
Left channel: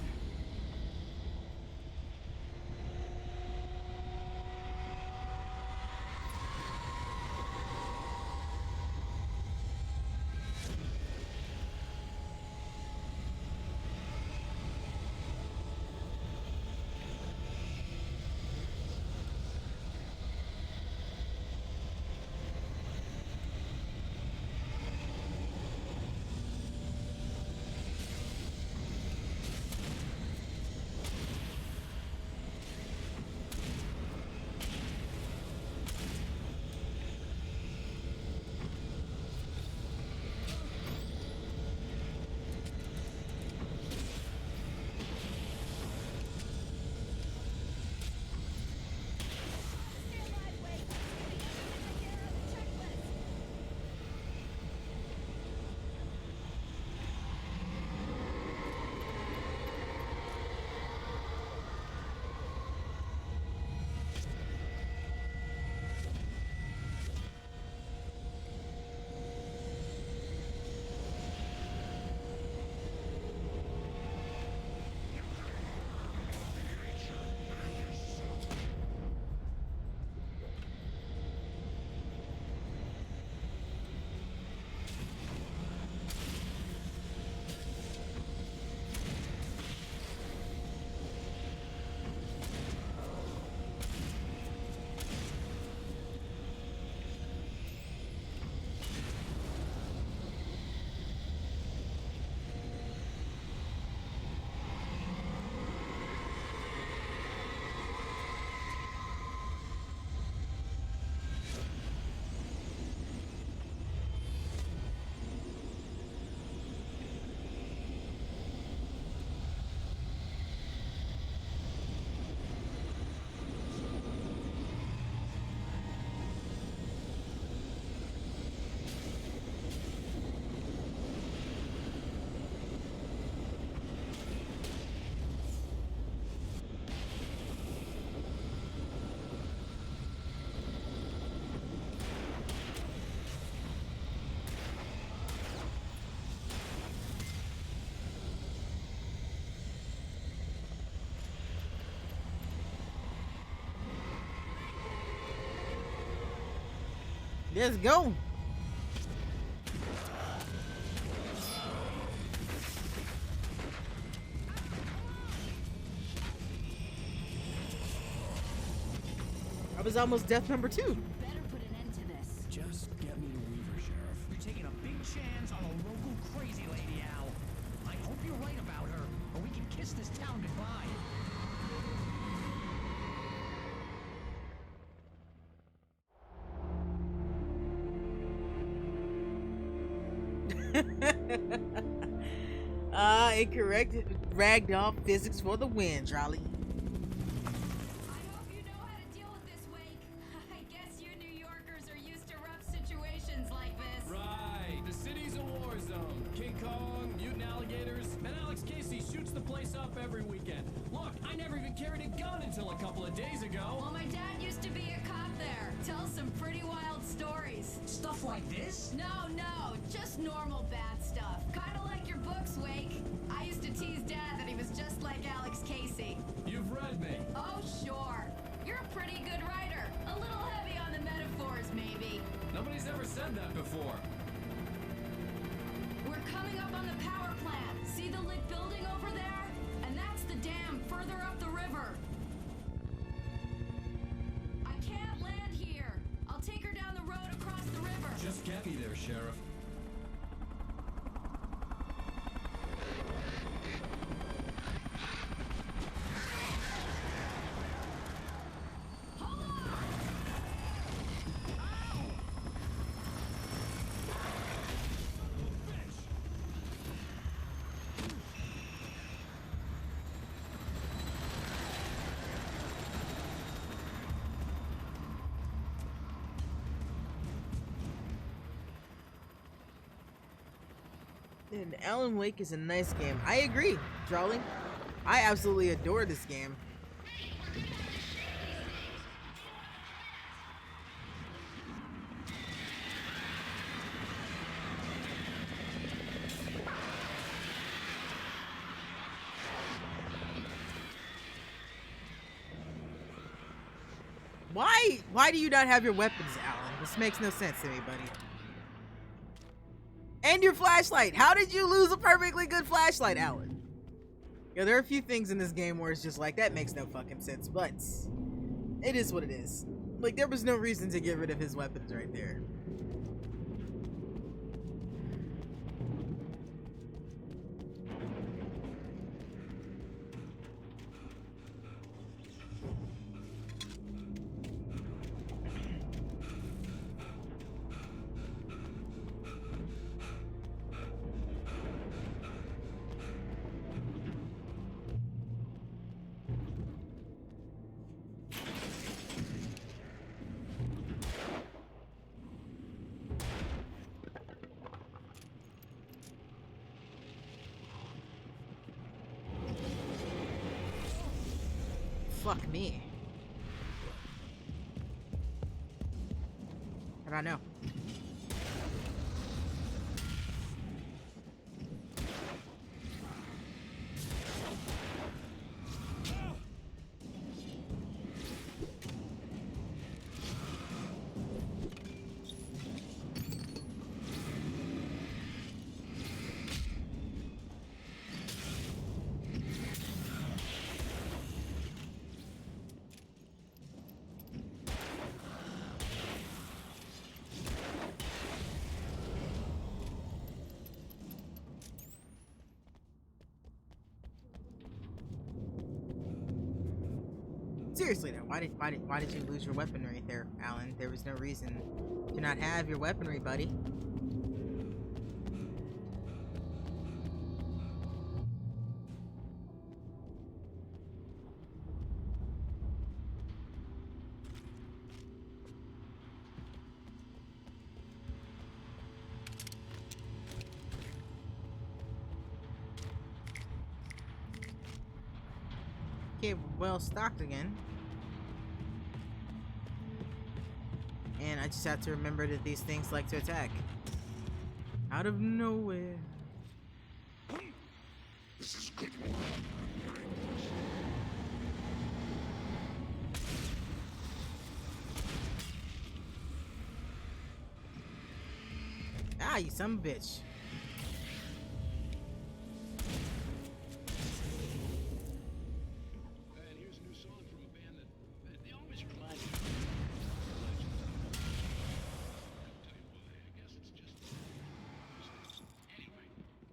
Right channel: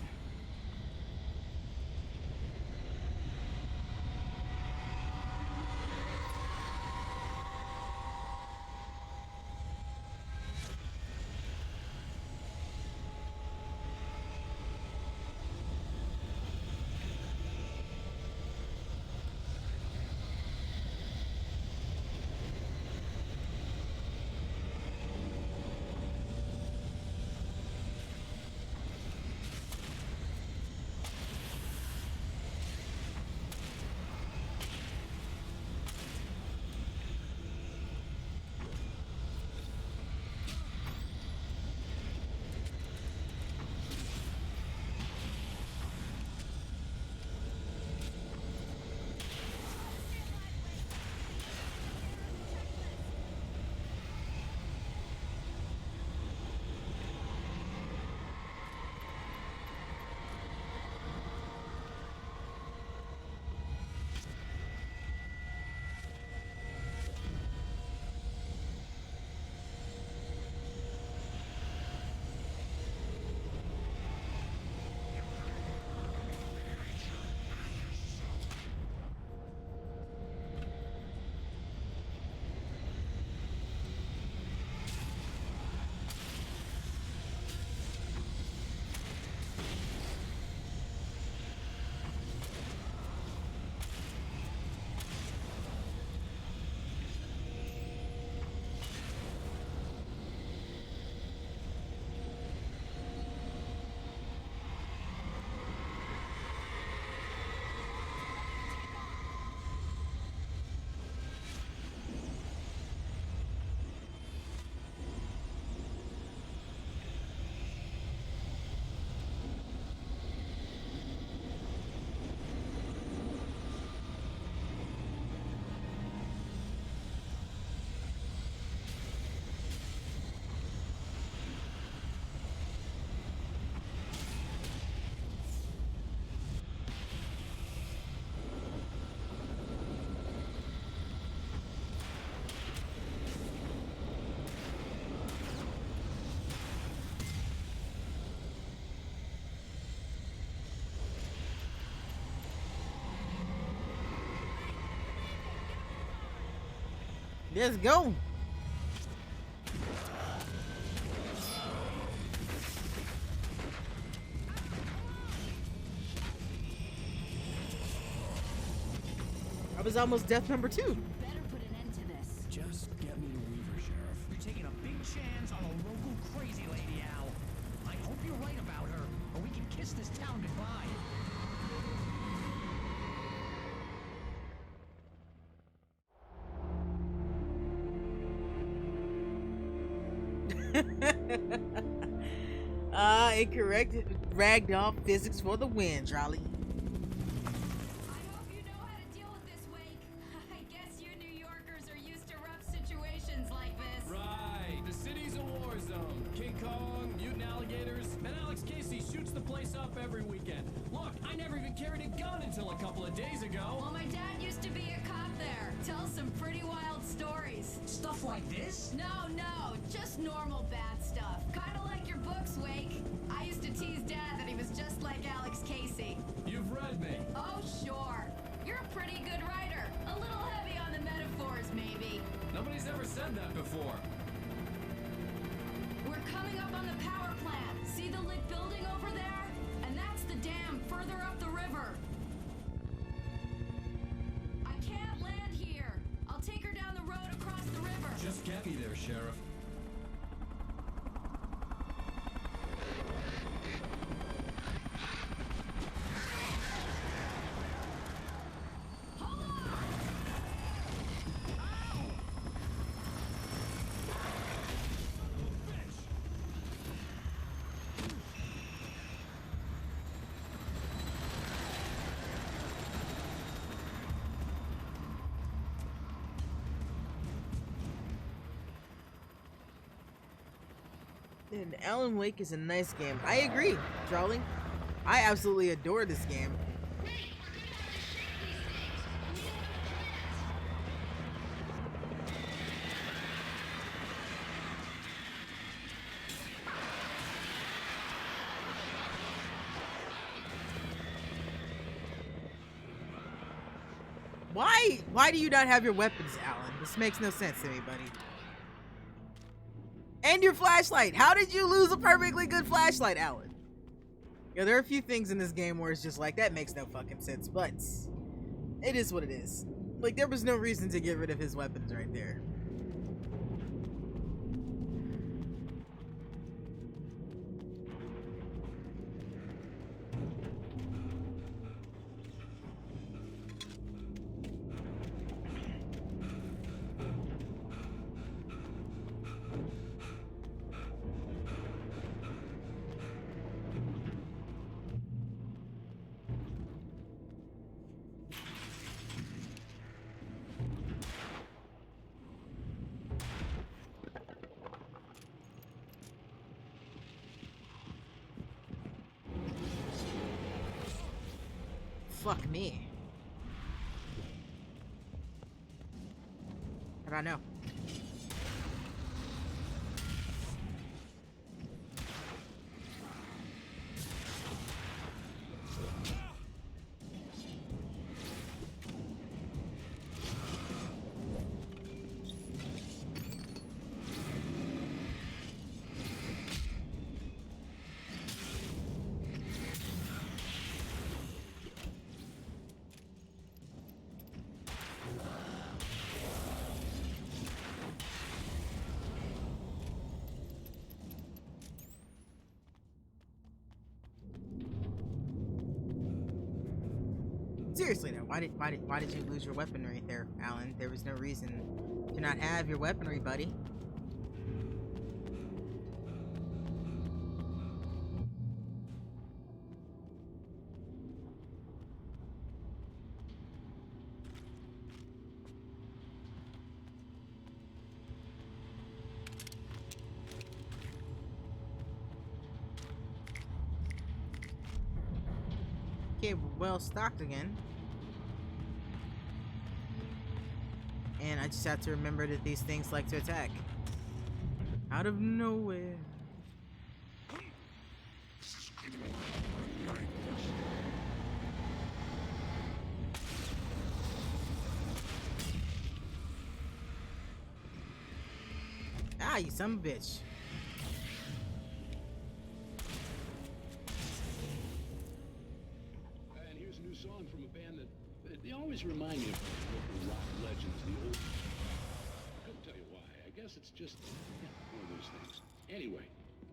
Let's go. I was almost death number 2. Better put an end to this. Just get me to Weaver, Sheriff. You're taking a big chance on a local crazy lady, Al. I hope you're right about her, or we can kiss this town goodbye. Incorrect ragdoll physics for the win, Charlie. I hope you know how to deal with this, Wake. I guess you New Yorkers are used to rough situations like this. Right. The city's a war zone. King Kong, mutant alligators, and Alex Casey shoots the place up every weekend. Look, I never even carried a gun until a couple of days ago. Well, my dad used to be a cop there. Tells some pretty wild stories. Stuff like this? No, just normal bad stuff. Kind of like your books, Wake. I used to tease Dad that he was just like Alex Casey. You've read me. Oh, sure. You're a pretty good writer. A little heavy on the metaphors, maybe. Nobody's ever said that before. They're coming up on the power plant. See the lit building over there? And that's the dam further up the river. I can't land here. I'll take her down the road across the river. Just get me there, Sheriff. And Alan Wake is a nice game. I agree, Drawling. I absolutely adore this game. Why do you not have your weapons, Alan? This makes no sense to me, buddy. And your flashlight. How did you lose a perfectly good flashlight, Alan? Yeah, there are a few things in this game where it's just like, that makes no fucking sense, but it is what it is. Like, there was no reason to get rid of his weapons right there. Fuck me. How do I know? Seriously though, why did you lose your weaponry there, Alan? There was no reason to not have your weaponry, buddy. Okay, we're well stocked again. And I just have to remember that these things like to attack. Out of nowhere. This is good work. Ah, you son of a bitch. And here's a new song from a band that they always remind me of legends of the old. I couldn't tell you why. I guess it's just one of those things. Anyway,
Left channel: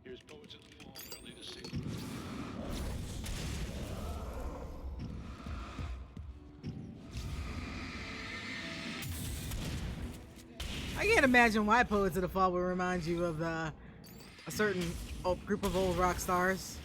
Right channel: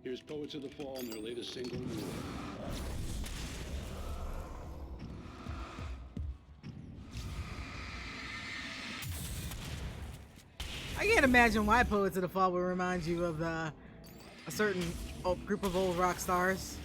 here's Poets of the Fall and their latest single. I can't imagine why Poets of the Fall would remind you of a certain group of old rock stars.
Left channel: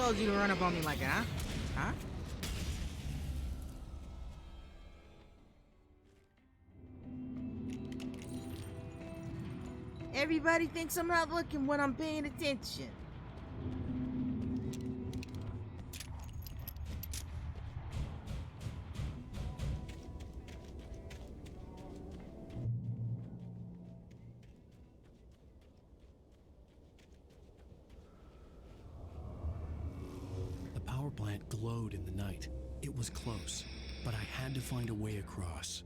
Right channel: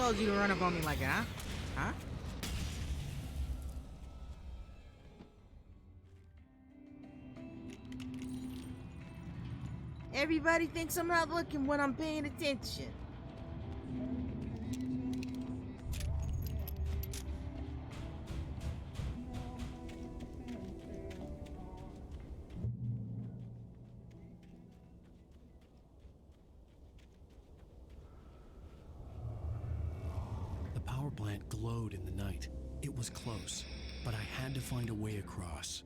told you to run up on me like that, huh? Huh? Everybody thinks I'm not looking when I'm paying attention. The power plant glowed in the night. It was close, but I had to find a way across.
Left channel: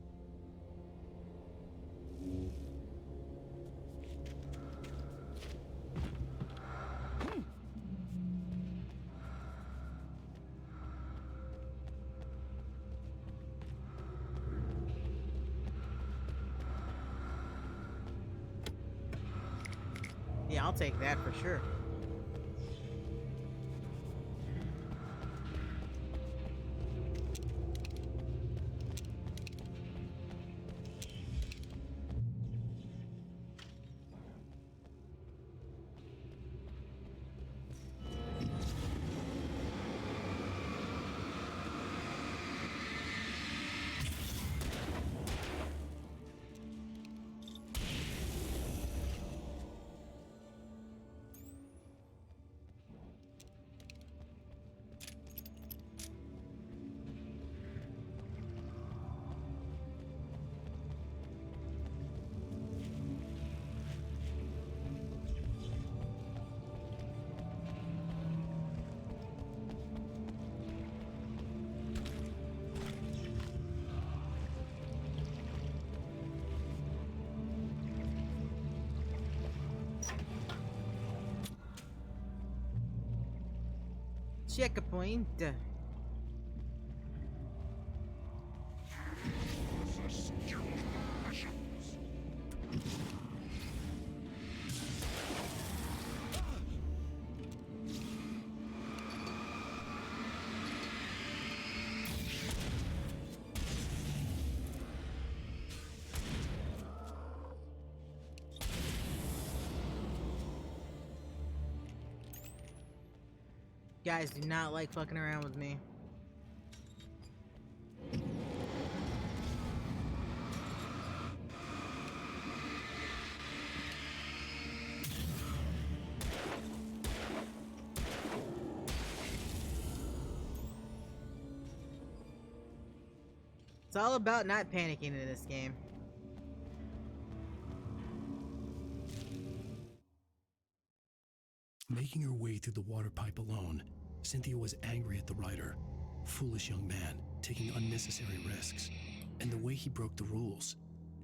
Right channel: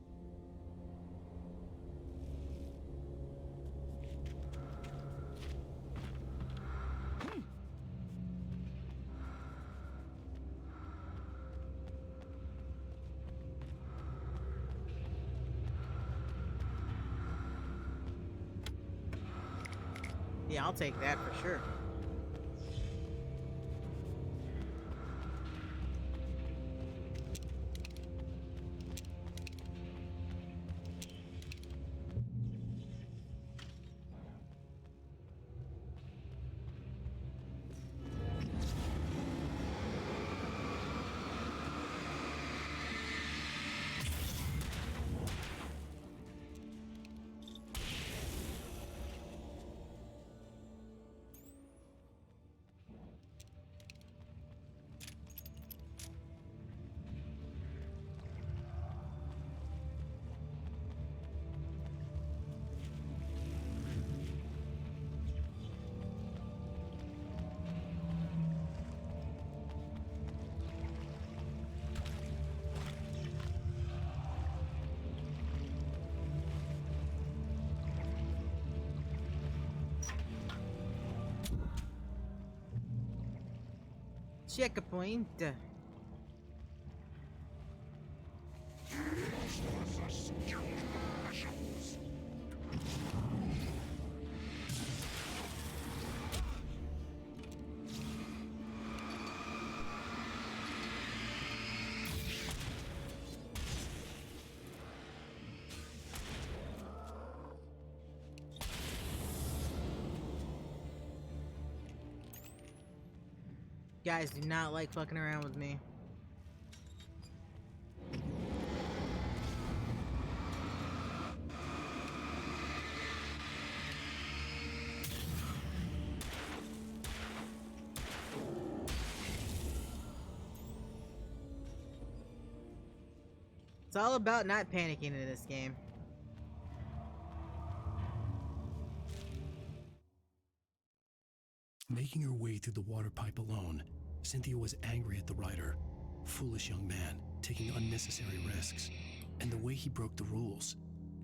Yeah, I'll take that for sure. Checkpoint. Guys do not like fucking around with me. It's all about not panicking in this game. Making her way through the water pipe alone, Cynthia was angry at the rider. Foolish young man, taking unnecessary risks. And the way he broke the rules.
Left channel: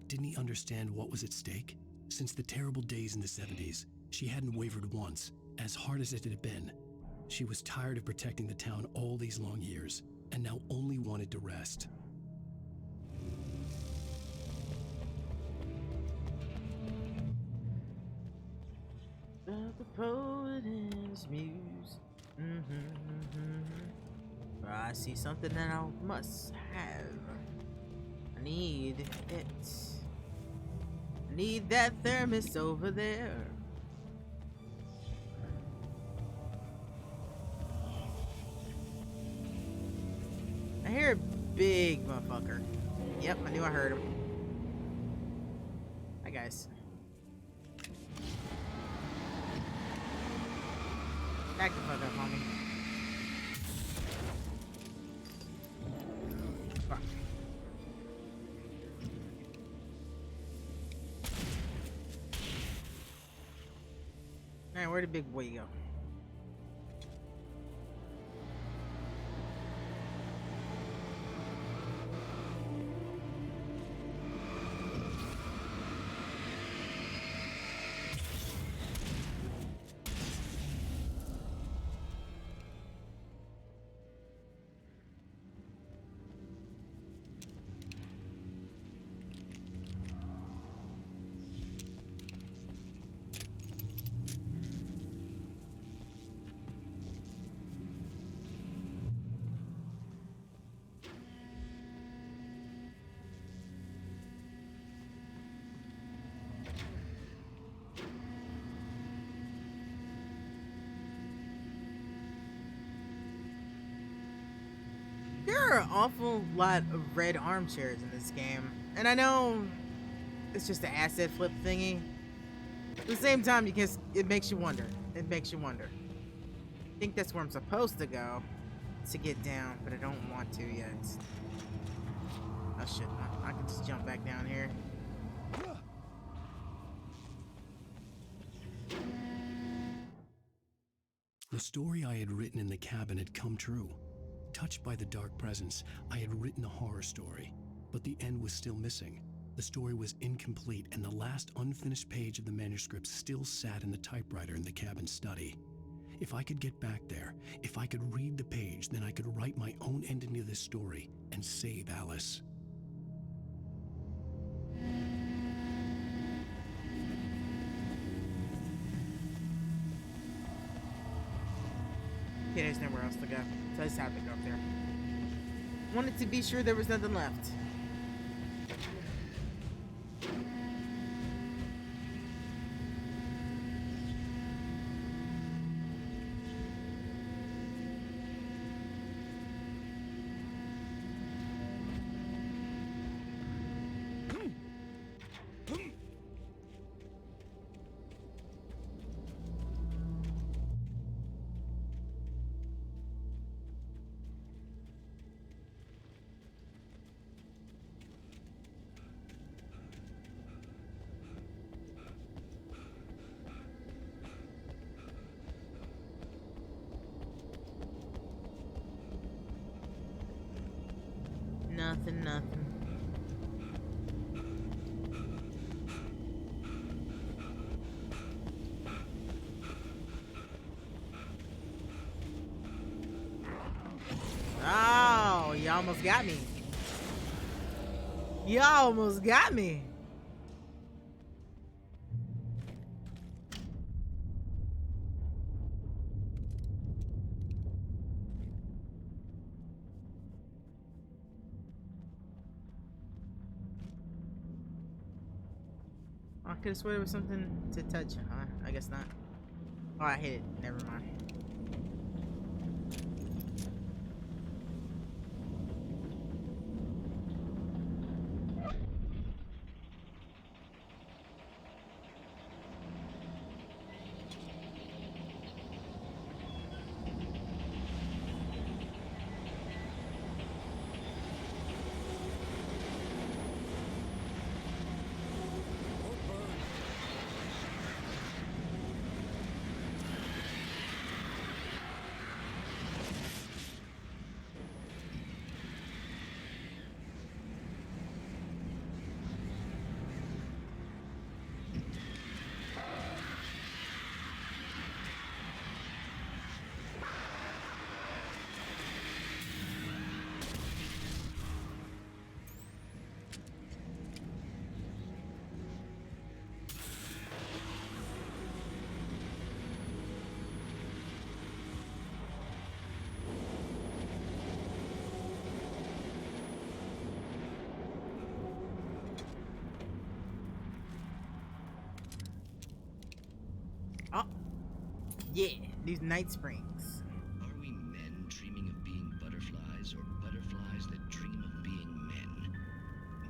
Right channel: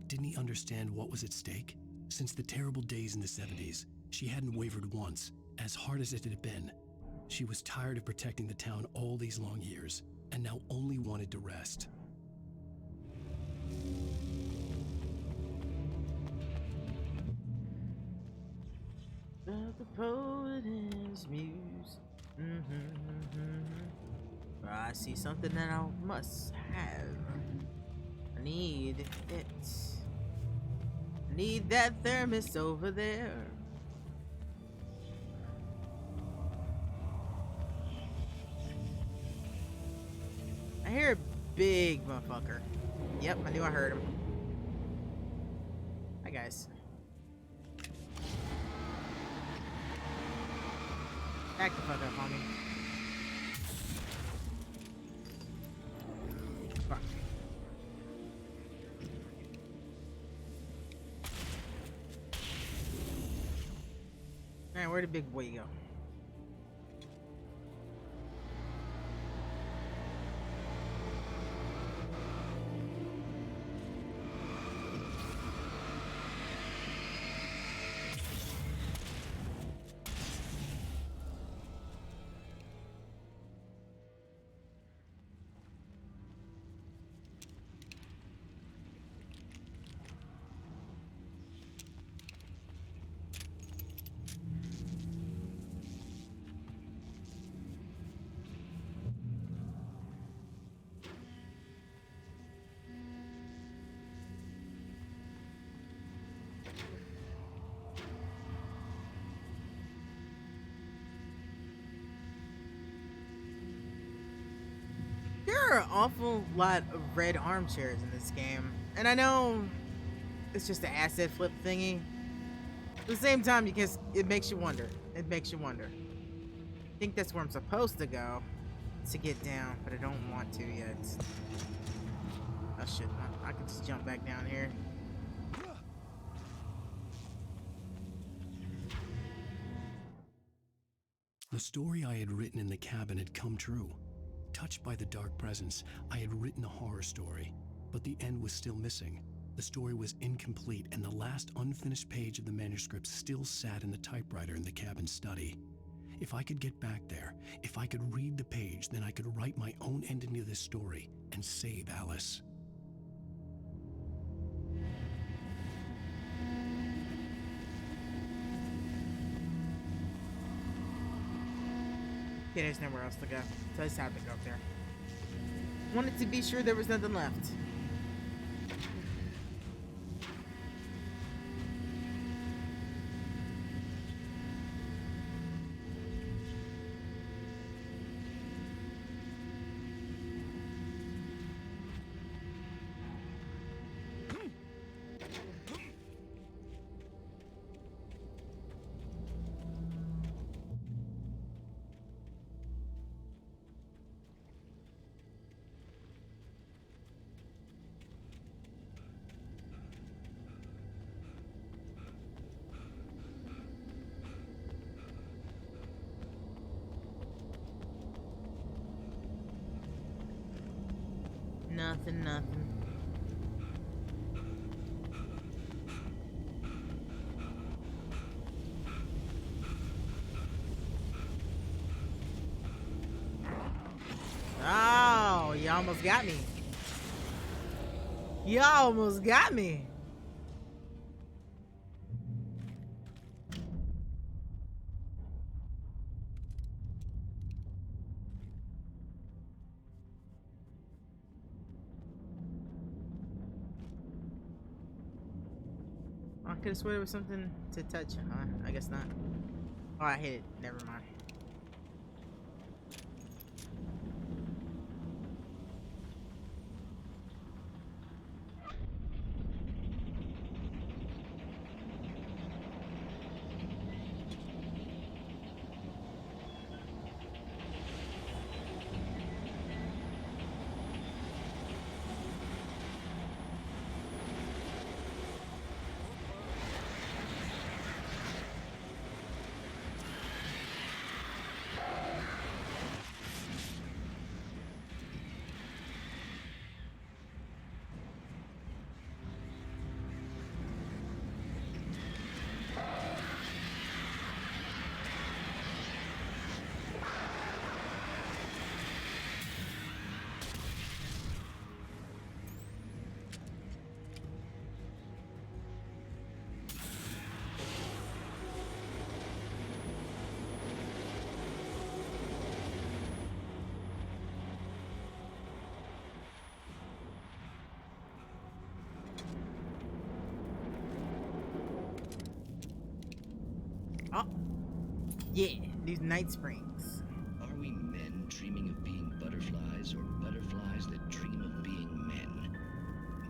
Didn't he understand what was at stake? Since the terrible days in the 70s, she hadn't wavered once, as hard as it had been. She was tired of protecting the town all these long years, and now only wanted to rest. The poet and his muse. I see something that I must have. I need it. I need that thermos over there. I hear a big motherfucker. Yep, I knew I heard him. Hi guys. Back the fuck up on me. Fuck. Alright, where'd the big boy go? are an awful lot of red armchairs in this game. And I know it's just an asset flip thingy. At the same time, it makes you wonder. It makes you wonder. I think that's where I'm supposed to go to get down, but I don't want to yet. Oh shit, I can just jump back down here. The story I had written in the cabin had come true. Touched by the dark presence, I had written a horror story, but the end was still missing. The story was incomplete, and the last unfinished page of the manuscript still sat in the typewriter in the cabin study. If I could get back there, if I could read the page, then I could write my own ending to this story and save Alice. Okay, there's nowhere else to go, so I just have to go up there. Wanted to be sure there was nothing left. Nothing. Oh, you almost got me. You almost got me. I could have sworn there was something to touch. I guess not. Oh, I hit it. Never mind. Oh, yeah, these night springs. Are we men dreaming of being butterflies, or butterflies that dream of being men?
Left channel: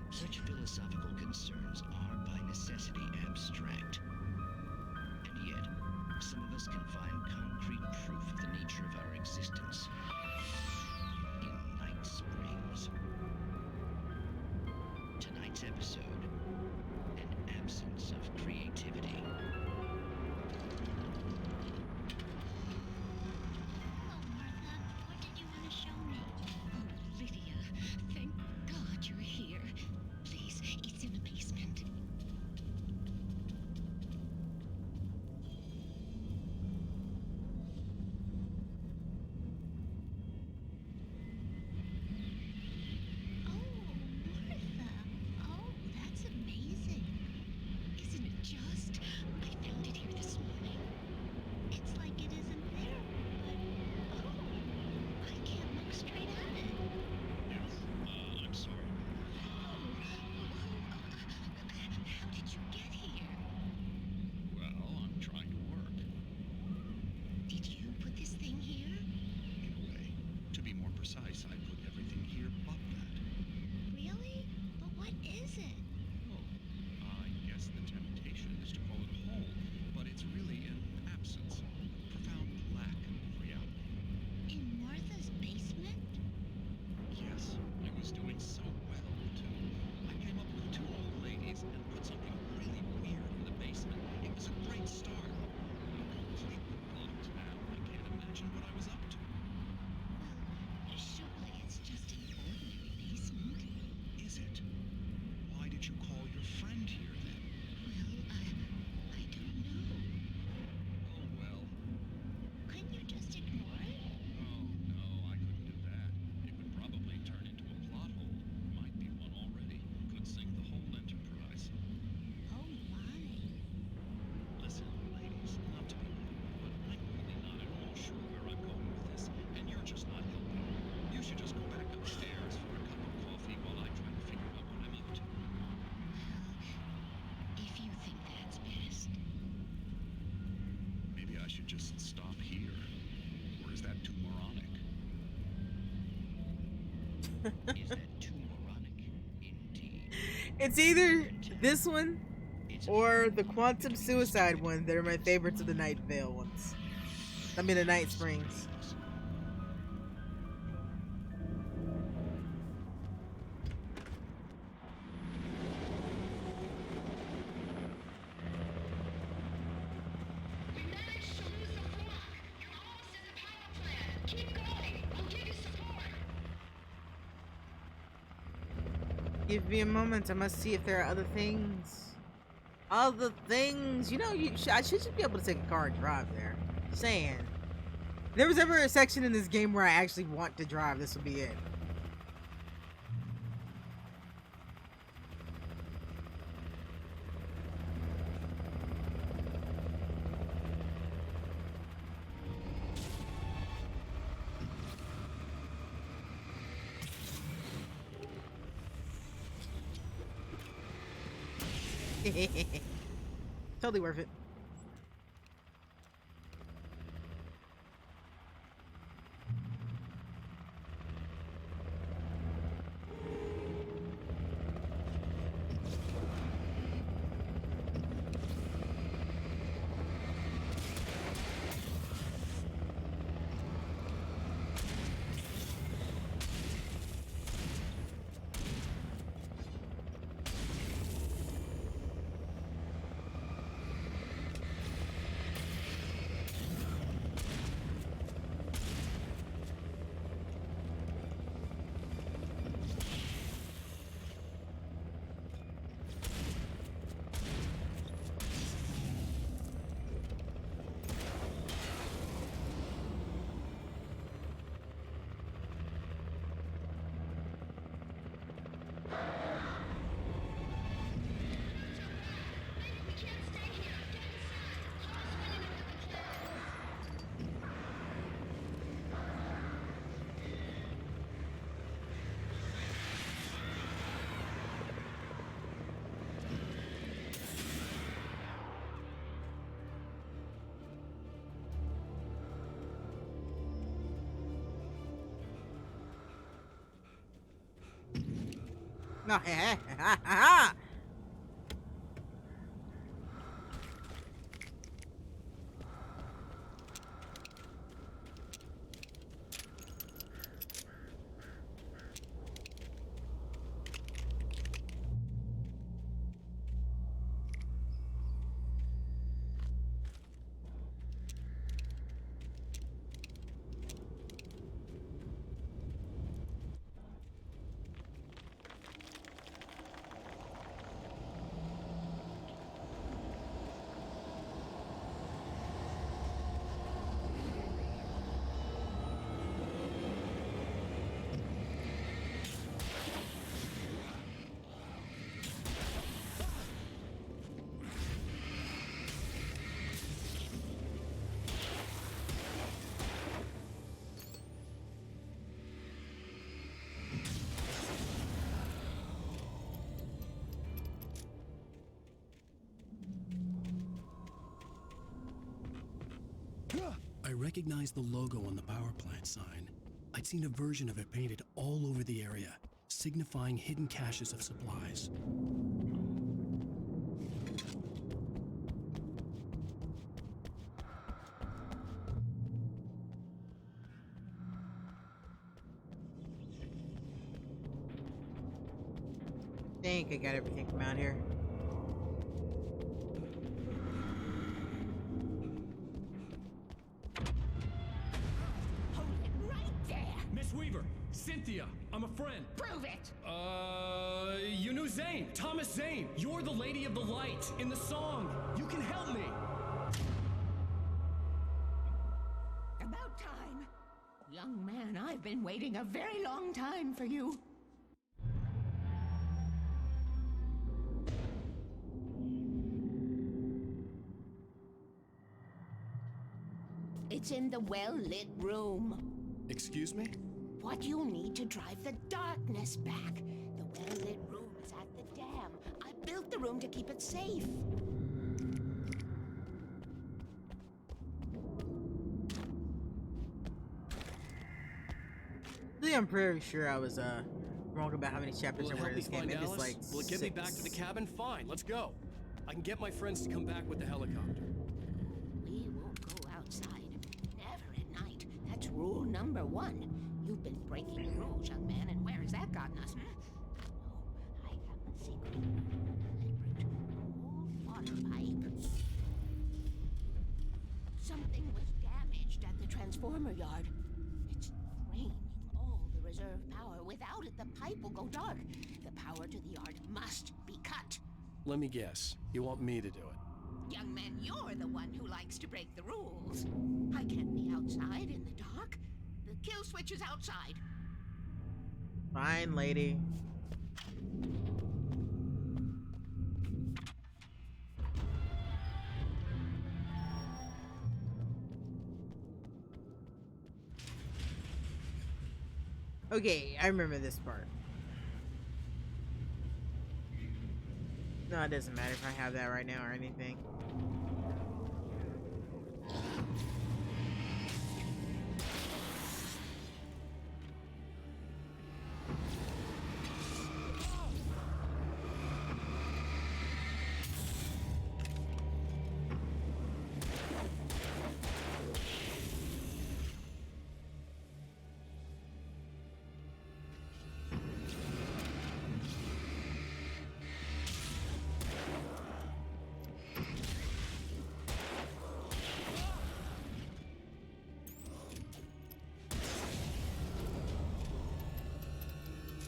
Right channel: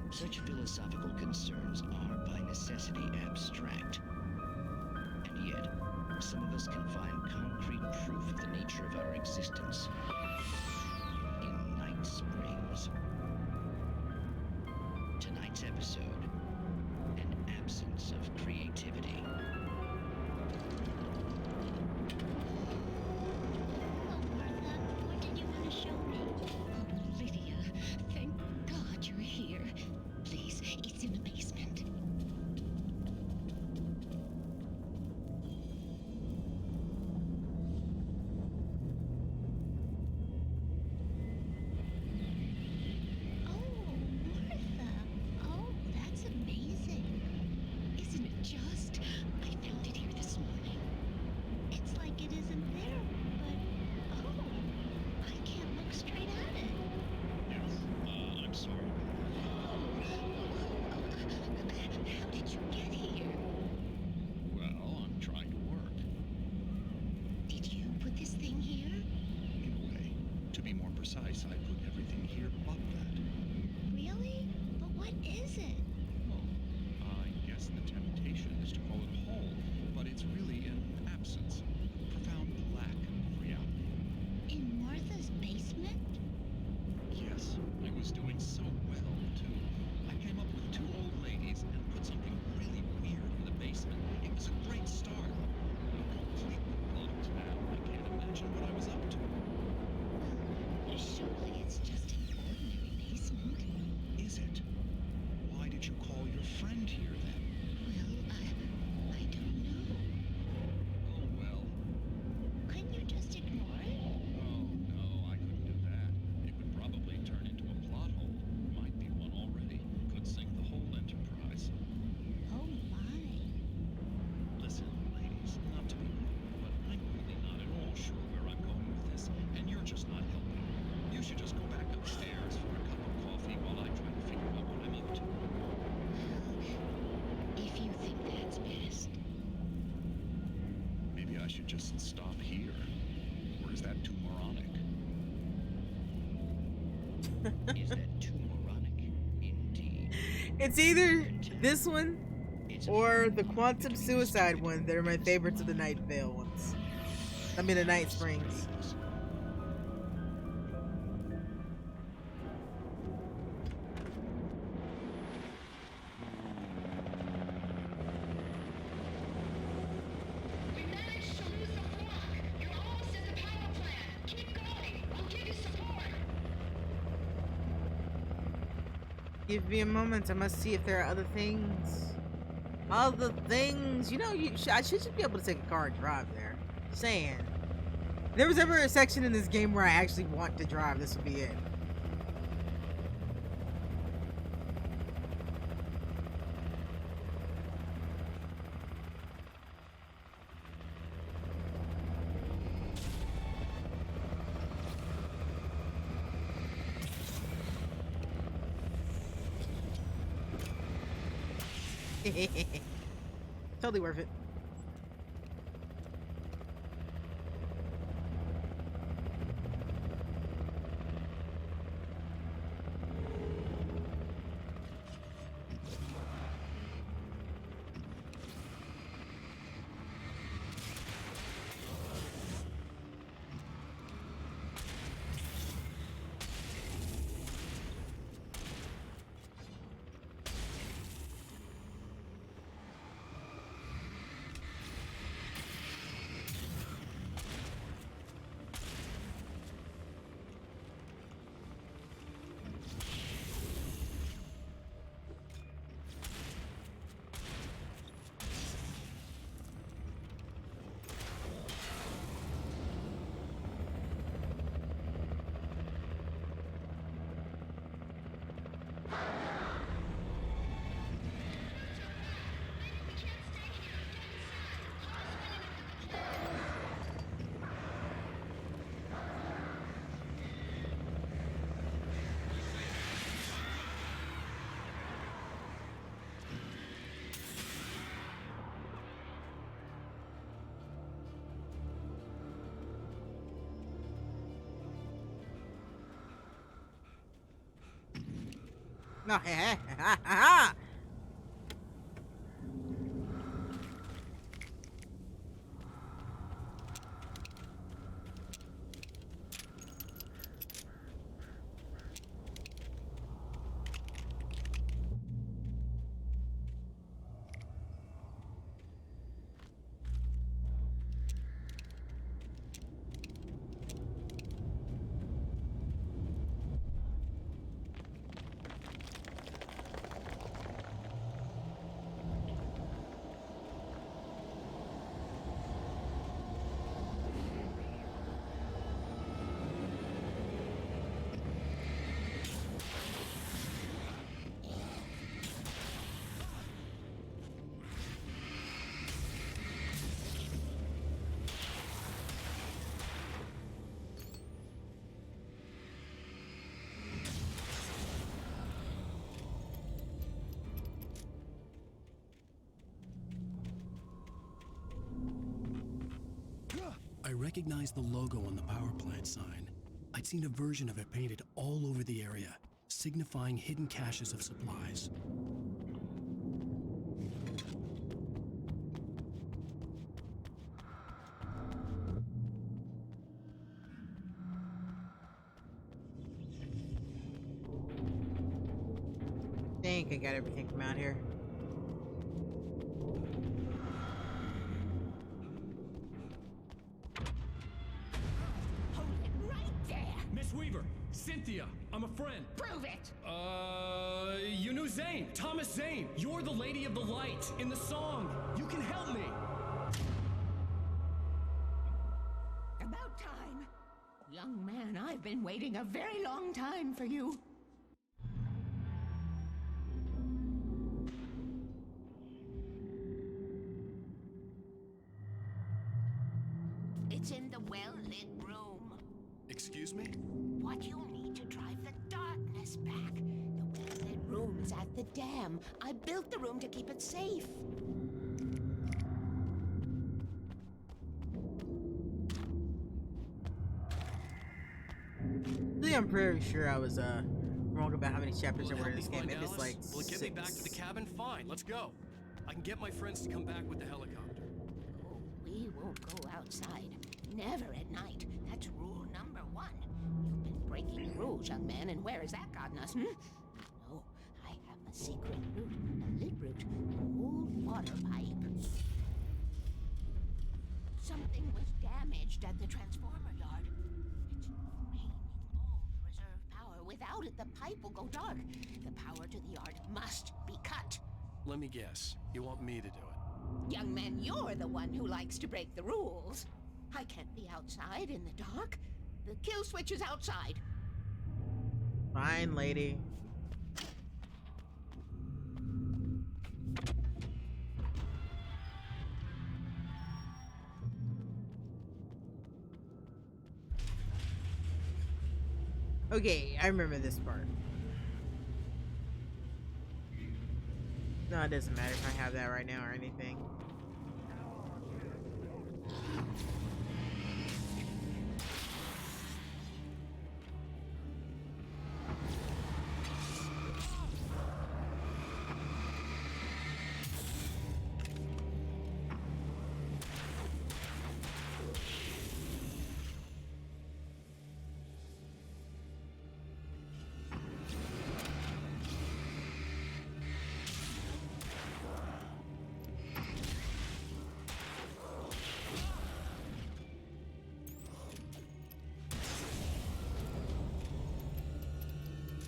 Such philosophical concerns are by necessity abstract. And yet, some of us can find concrete proof of the nature of our existence in night springs. Tonight's episode, an absence of creativity. Precise, I put everything here. secret but that. Really? But what is it? Well, I guess the temptation is to call it whole, but it's really an absence, a profound lack of reality. In Martha's basement? Yes, I was doing so well, too. I came up with 2 old ladies and put something really weird in the basement. It was a great start. I'm completely bugged now. I can't imagine what I was up to. Well, surely it's just an ordinary basement. Is it? Why did you call your friend here then? Well, I don't know. Oh well. Couldn't you just ignore it? Oh no, I couldn't do that. It would probably turn into a plot hole. Might be one already. Could sink the whole enterprise. Oh my. Listen, ladies, not to be rude, but I'm really not at all sure where I'm going with this, and you're just not helping. You should just go back upstairs for a cup of coffee while I try to figure out what I'm up to. If you think that's best. Maybe I should just stop here. Or is that too moronic? Is that too moronic? Indeed. It's either this one or the Quantum Suicide one that are my favorites of the Night Vale ones. I mean the Night Springs. We managed to lose the block. You're almost at the power plant. Keep going. I'll give you support. Give me a moment. I must see if there are other things. Other things. You know, I should just be able to take a car and drive there. Saying. If there was ever a section in this game where I actually want to drive, this would be it. Totally worth it. No, I recognized the logo on the power plant sign. I'd seen a version of it painted all over the area, signifying hidden caches of supplies. Think I got everything from out here. Hold it right there. Miss Weaver, Cynthia, I'm a friend. Prove it. You knew Zane, Thomas Zane. You're the Lady of the Light in the song. You can help me. About time. Young man, I've been waiting a very long time for you. It's in the well-lit room. Excuse me? What you'll need to drive the darkness back. The well-lit room is at the dam. I built the room to keep it safe. I'm pretty sure I was wrong about how many chapters Will it there were help in me this game. find Maybe it's Alice? like Will it get me back to the 6. cabin? Fine, let's go. I can get my friends to come back with the helicopter. Oh, we won't go outside. Never at night. That's rule number 1. You've been breaking rules, young man, and where has that gotten us, No, I have the secret route, the lid route, the old water pipe. Something was damaged at the transformer yard. It's draining all the reserve power. Without it, the pipe will go dark. The power to the yard must be cut. Let me guess. You want me to do it? Young man, you're the one who likes to break the rules. I can't be outside in the dark. The kill switch is outside. Fine, lady. Okay, I remember this part. No, it doesn't matter if I have that right now or anything.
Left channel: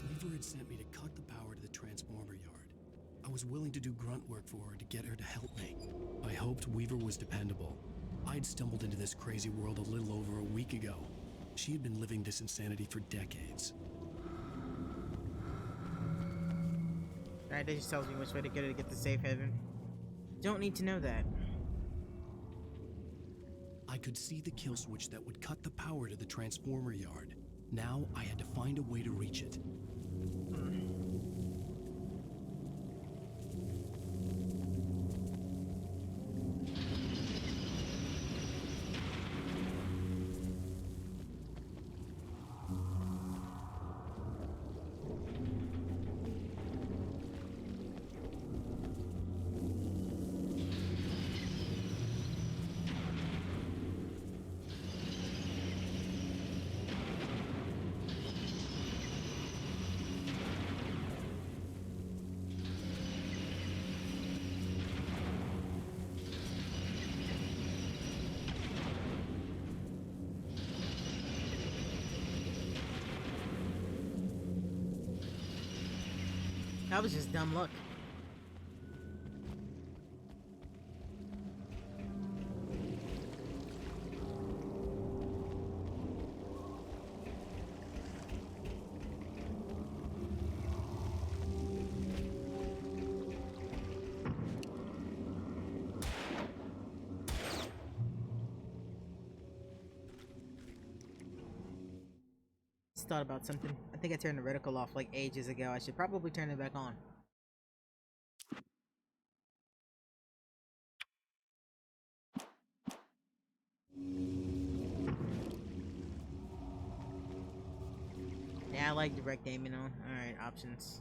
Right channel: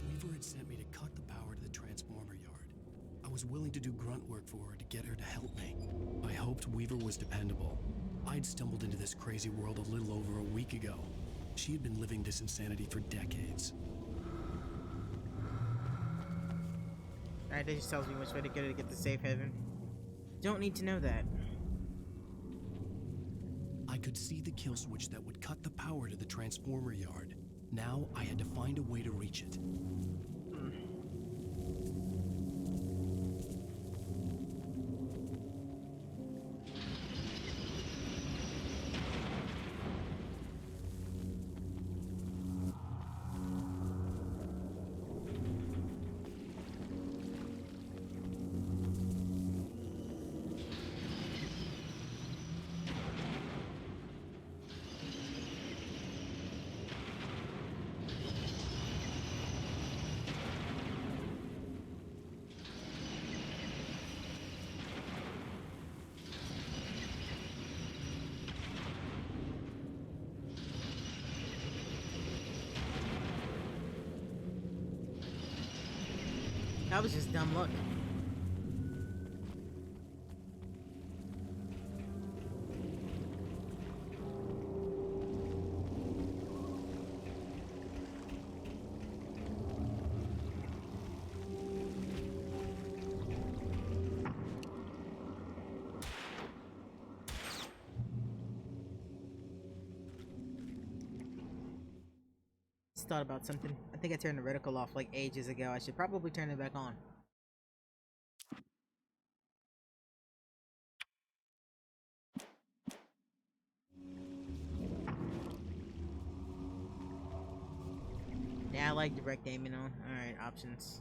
Weaver had sent me to cut the power to the transformer yard. I was willing to do grunt work for her to get her to help me. I hoped Weaver was dependable. I'd stumbled into this crazy world a little over a week ago. She had been living this insanity for decades. Alright, that just tells me which way to go to get the safe haven. Don't need to know that. I could see the kill switch that would cut the power to the transformer yard. Now I had to find a way to reach it. That was just dumb luck. Just thought about something. I think I turned the reticle off like ages ago. I should probably turn it back on. like direct aiming on. Alright, options.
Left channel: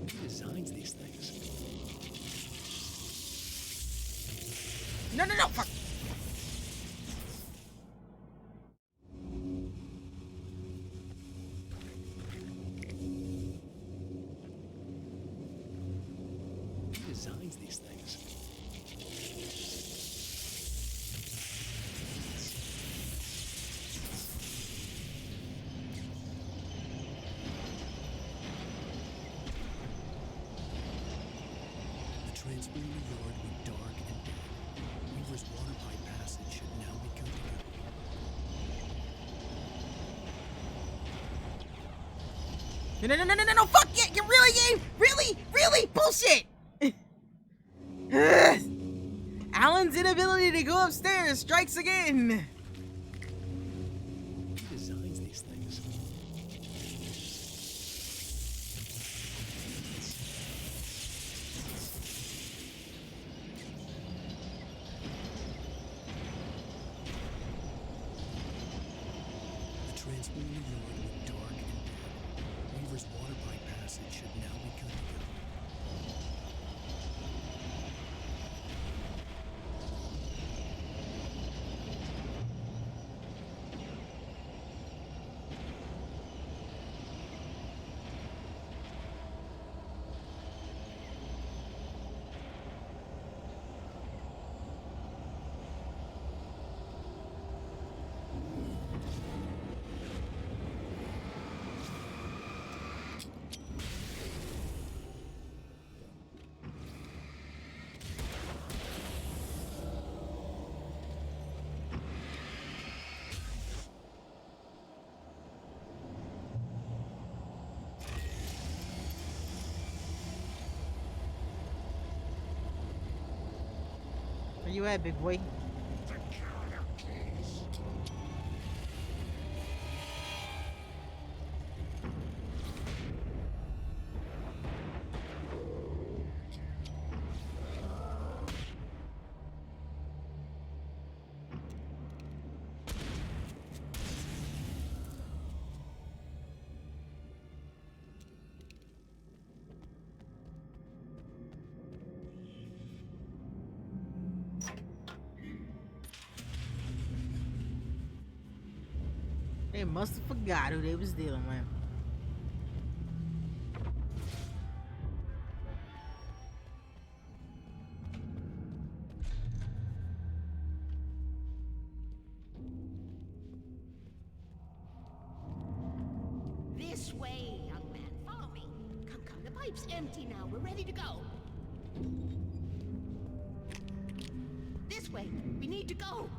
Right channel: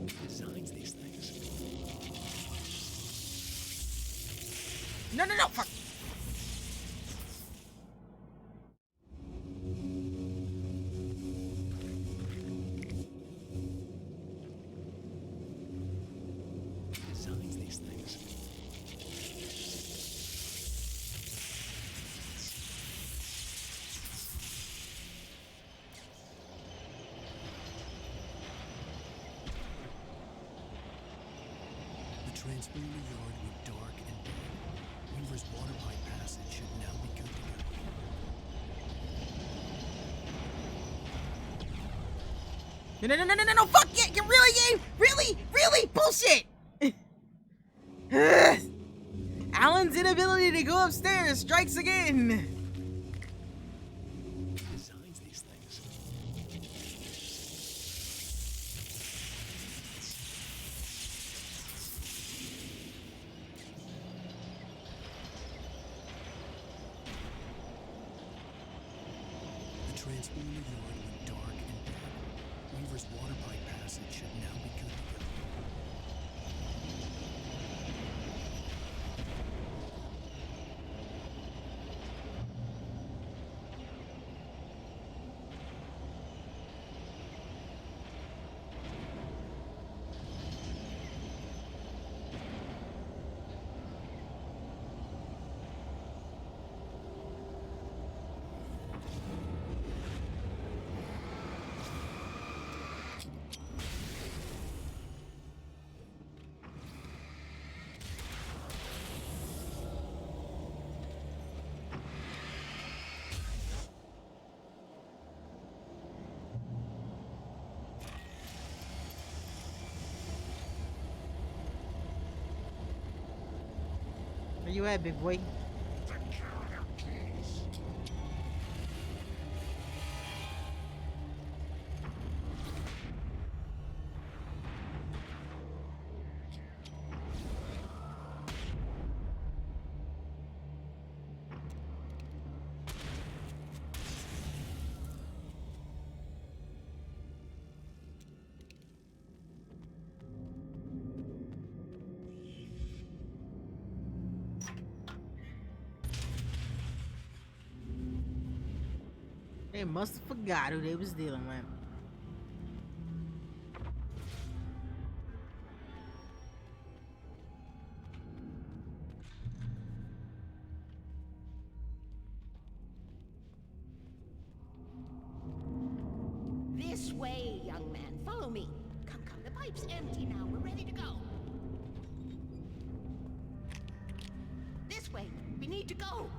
Who designs these things? No, no, no, fuck! Who designs these things? The transformer yard went dark and dead. Weaver's water pipe passage should now be good to go. No, no, no, no, no, no, fuck yeah, you really, game? Really, bullshit! Alan's inability to go upstairs strikes again. Who designs these things? The transformer yard went dark and dead. Weaver's water pipe passage should now be good to go. Where you at, big boy? They must have forgot who they was dealing with. This way, young man. Follow me. Come, come. The pipe's empty now. We're ready to go. This way. We need to go.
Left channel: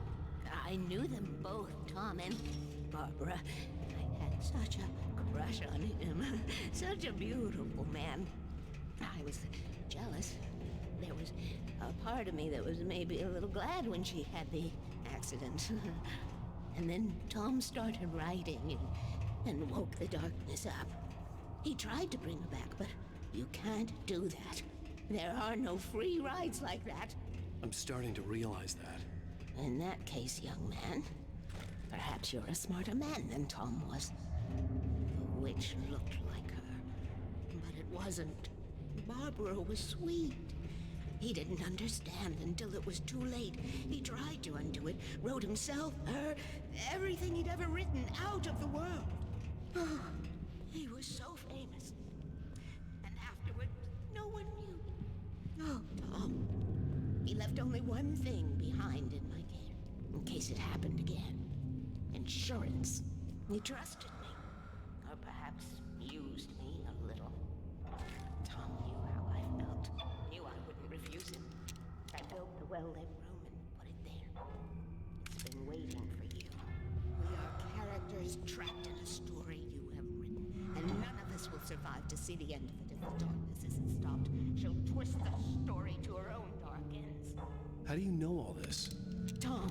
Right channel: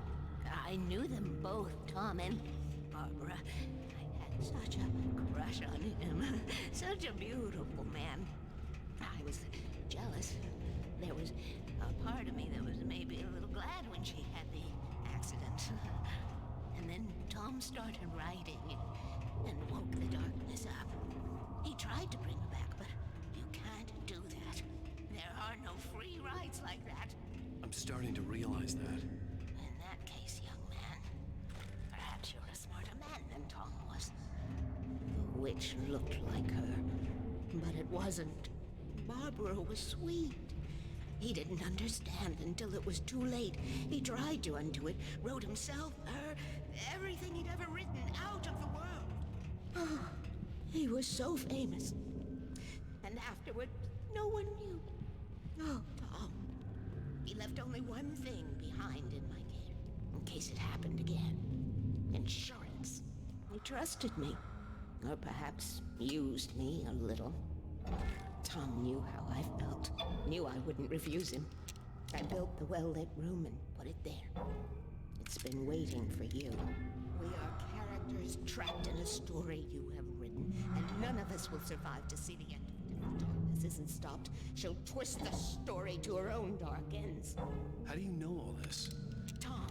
I knew them both, Tom and Barbara. I had such a crush on him. Such a beautiful man. I was jealous. There was a part of me that was maybe a little glad when she had the accident. And then Tom started writing and woke the darkness up. He tried to bring her back, but you can't do that. There are no free rides like that. I'm starting to realize that. In that case, young man, perhaps you're a smarter man than Tom was. The witch looked like her, but it wasn't. Barbara was sweet. He didn't understand until it was too late. He tried to undo it, wrote himself, her, everything he'd ever written out of the world. Oh, he was so famous. And afterward, no one knew. Oh, Tom. He left only one thing behind in my care, in case it happened again. Insurance. He trusted me. Or perhaps used me a little. Tom knew how I felt. Knew I wouldn't refuse him. I built the well-lit room and put it there. It's been waiting for you. We are characters trapped in a story you have written, and none of us will survive to see the end of it if the darkness isn't stopped. She'll twist the story to her own dark ends. How do you know all this? Tom,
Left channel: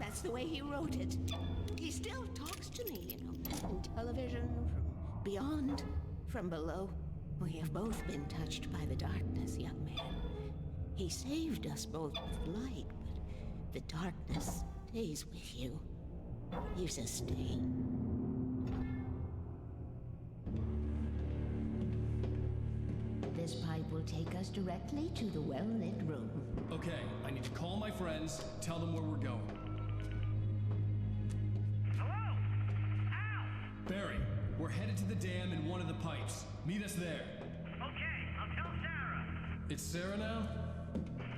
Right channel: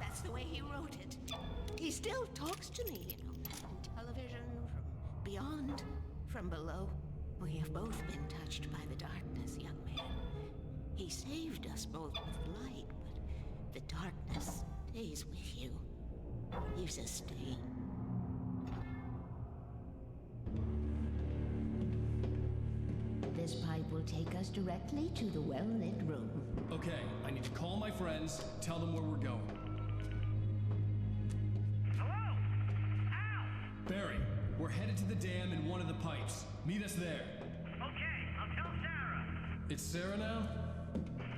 that's the way he wrote it. He still talks to me, you know, in television, from beyond, from below. We have both been touched by the darkness, young man. He saved us both with light, but the darkness stays with you. Leaves a stain. This pipe will take us directly to the well-lit room. Okay, I need to call my friends, tell them where we're going. Hello? Al! Barry, we're headed to the dam in one of the pipes. Meet us there. Okay, I'll tell Sarah. It's Sarah now?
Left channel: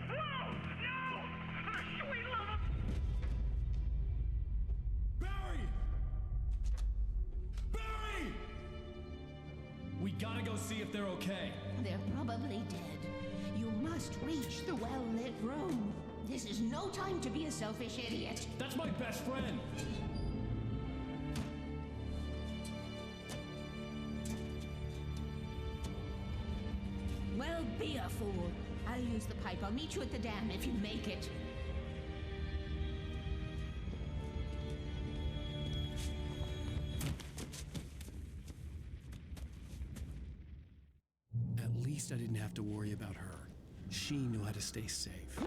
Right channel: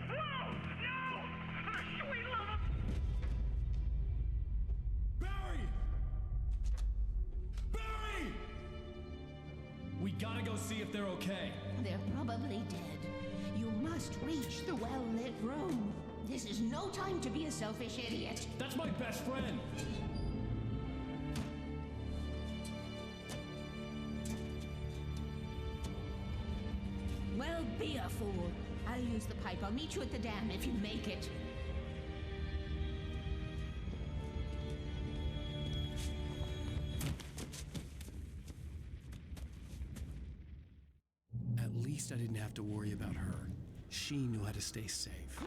Whoa! No! For the sweet love of... Barry! Barry! We gotta go see if they're okay. They're probably dead. You must reach the well-lit room. This is no time to be a selfish idiot. That's my best friend. Well, be a fool. I'll use the pipe. I'll meet you at the dam if you make it. At least I didn't have to worry about her. She knew how to stay safe.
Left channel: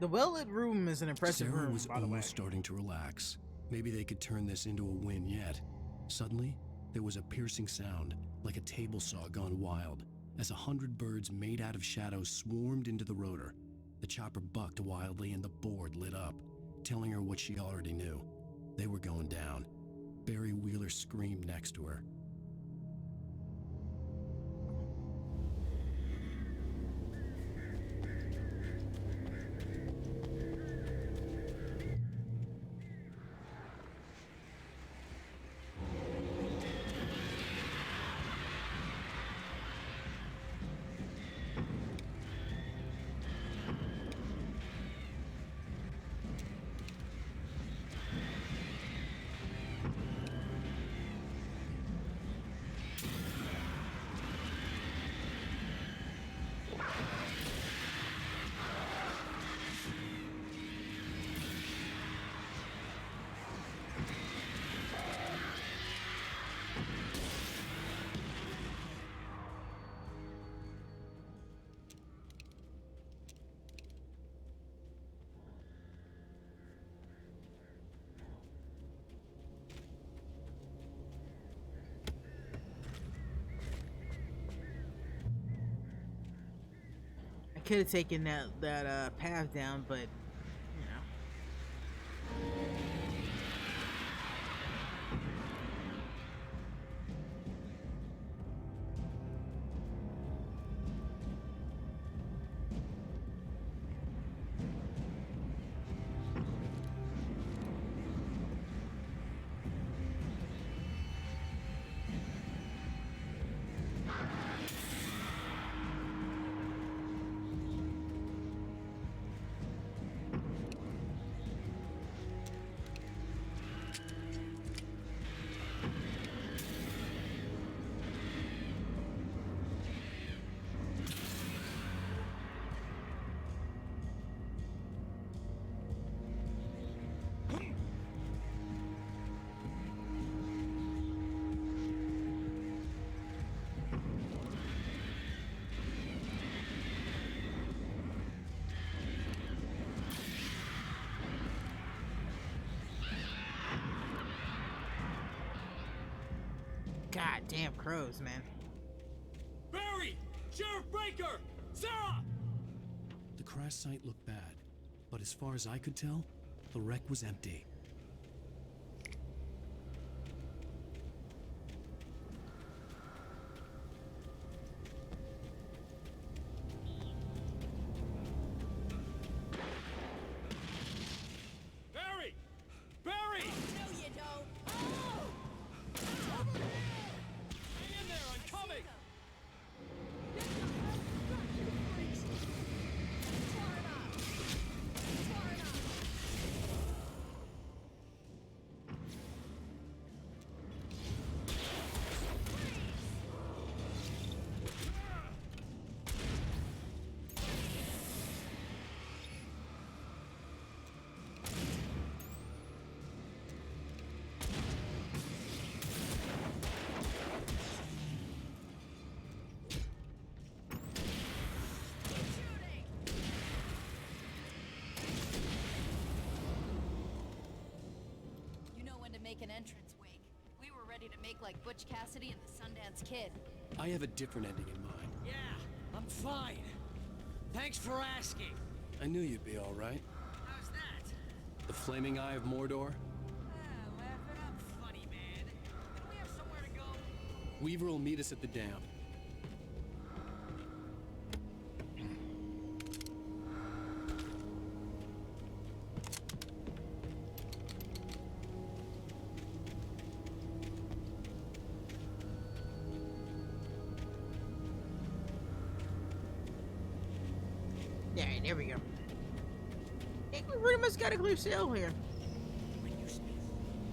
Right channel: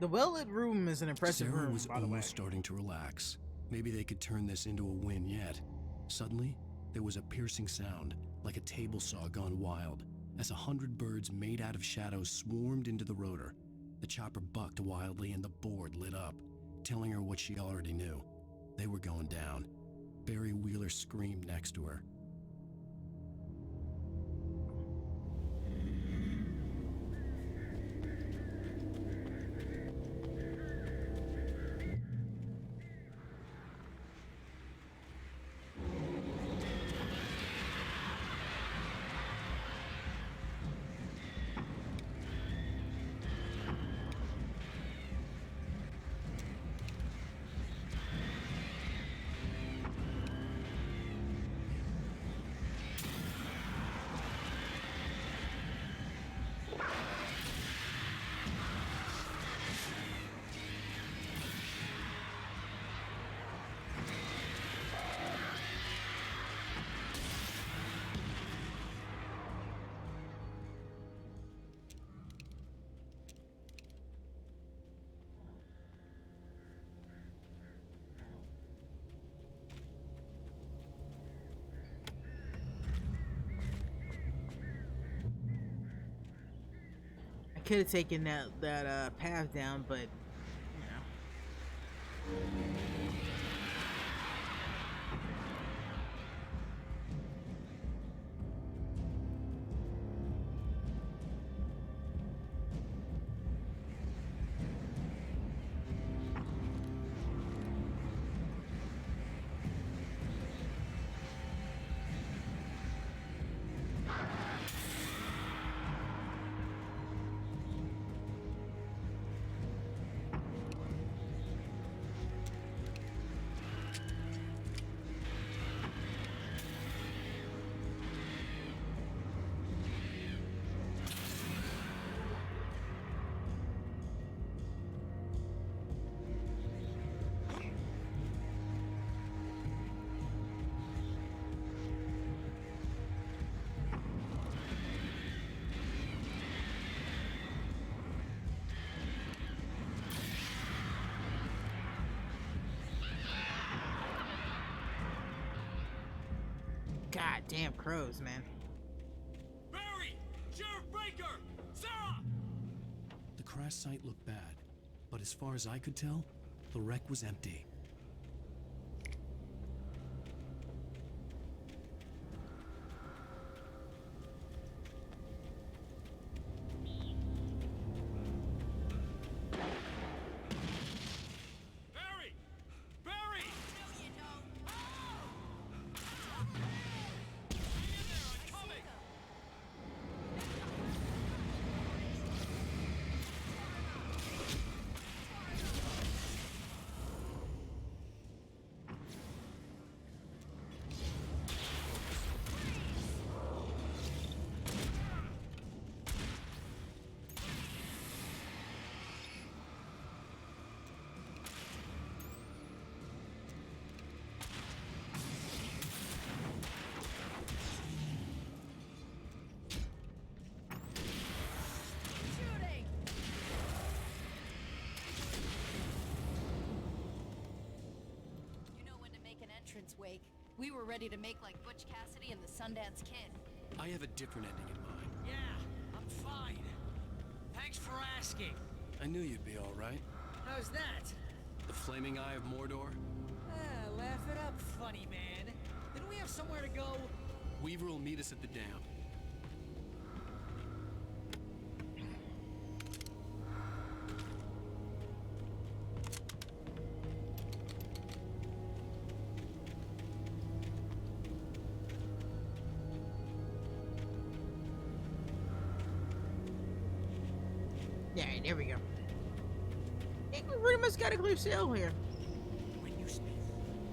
The well-lit room is an impressive Sarah room, was by the way. almost starting to relax. Maybe they could turn this into a win yet. Suddenly, there was a piercing sound, like a table saw gone wild, as 100 birds made out of shadows swarmed into the rotor. The chopper bucked wildly and the board lit up, telling her what she already knew. They were going down. Barry Wheeler screamed next to her. I could have taken that path down, but you know. God damn crows, man. Barry! Sheriff Breaker! Sarah! The crash site looked bad, but as far as I could tell, the wreck was empty. Barry! Barry! No, you don't. Oh! Hang in there, I'm coming! entrance, Wake. We were ready to make like Butch Cassidy and the Sundance Kid. I have a different ending in mind. Yeah, I'm fine. Thanks for asking. I knew you'd be all right. How's that? The flaming eye of Mordor? Laugh it up, funny man. Didn't we have somewhere to go? Weaver will meet us at the dam. Yeah, there we go. I think we pretty much got a clear sail here. When you spend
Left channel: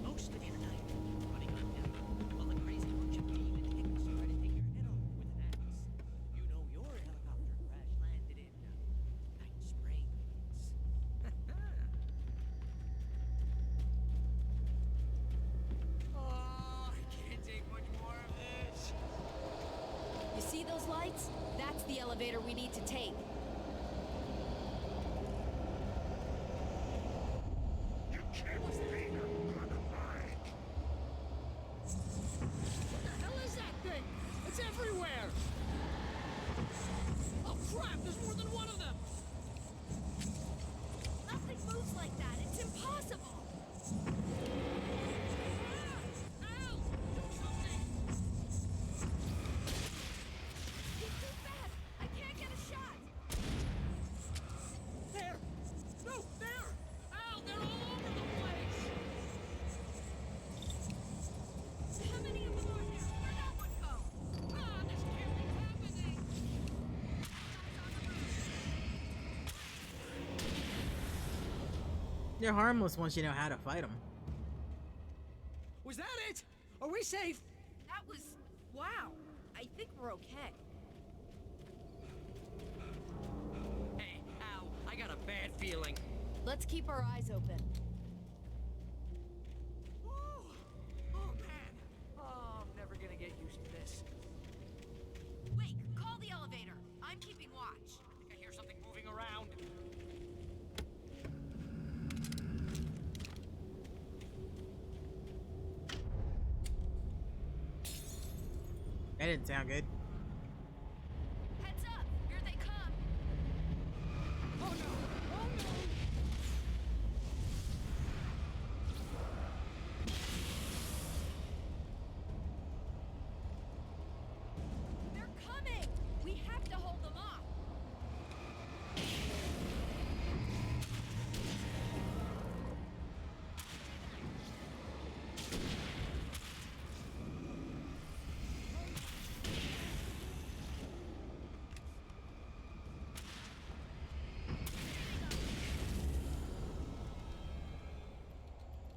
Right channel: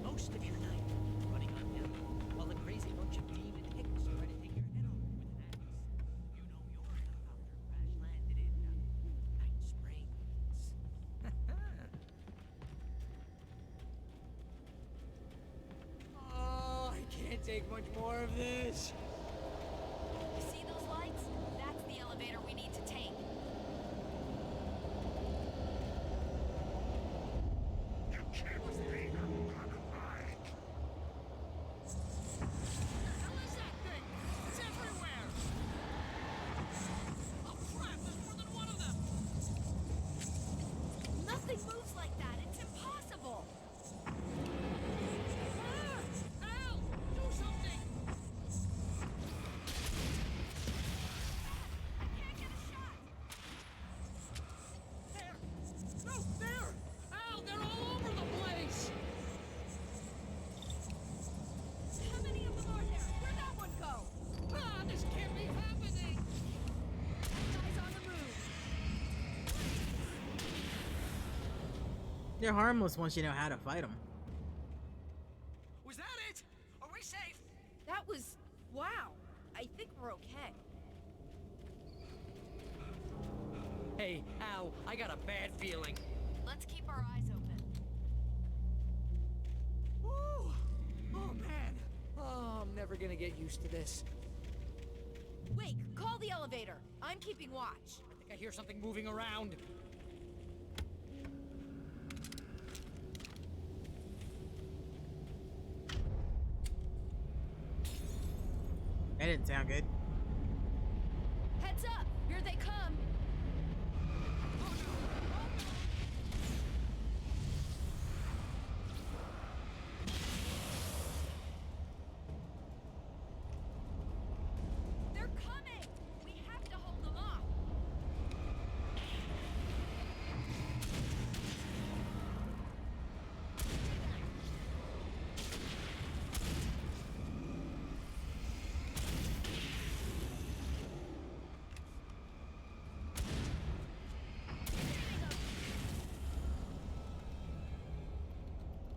most of your night running uphill while a crazy bunch of demon hicks try to take your head off with an axe, you know your helicopter crash landed in Night Springs. Oh, I can't take much more of this. You see those lights? That's the elevator we need to take. You can't beat a good hike. What the hell is that thing? It's everywhere! Oh crap, there's more than one of them! Nothing moves like that. It's impossible. Ah! Al! Do something! I can't get a shot. There! No, there! Al, they're all over the place! How many of them are there? Where'd that one go? Ah, this can't be happening! Guys on the move. They're harmless once you know how to fight them. Was that it? Are we safe? That was... wow. I think we're okay. Hey, Al, I got a bad feeling. Let's keep our eyes open. Woo! Oh, man. Oh, I'm never gonna get used to this. Wake, call the elevator. I'm keeping watch. I think I hear something moving around. That didn't sound good. Heads up! Here they come! Oh no! Oh no! They're coming! We have to hold them off!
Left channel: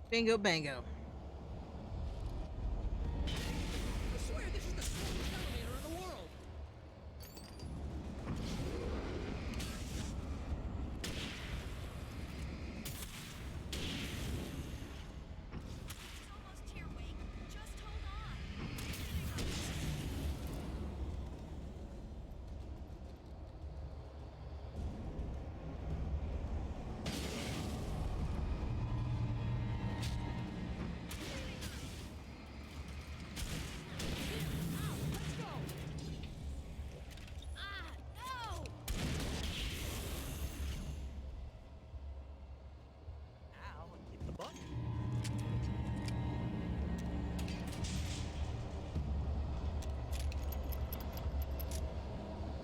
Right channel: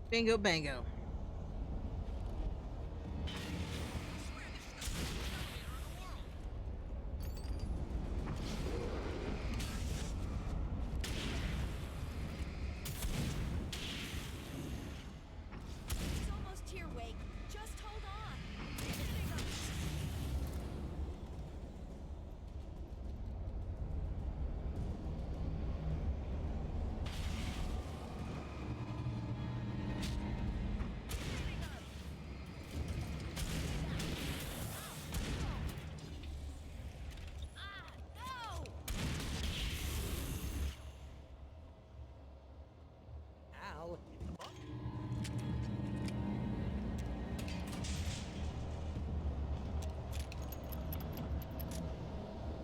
Bingo bango. I swear this is the slowest elevator in the world! It's almost here, Wake. Just hold on. Ah, no! Al, hit the button.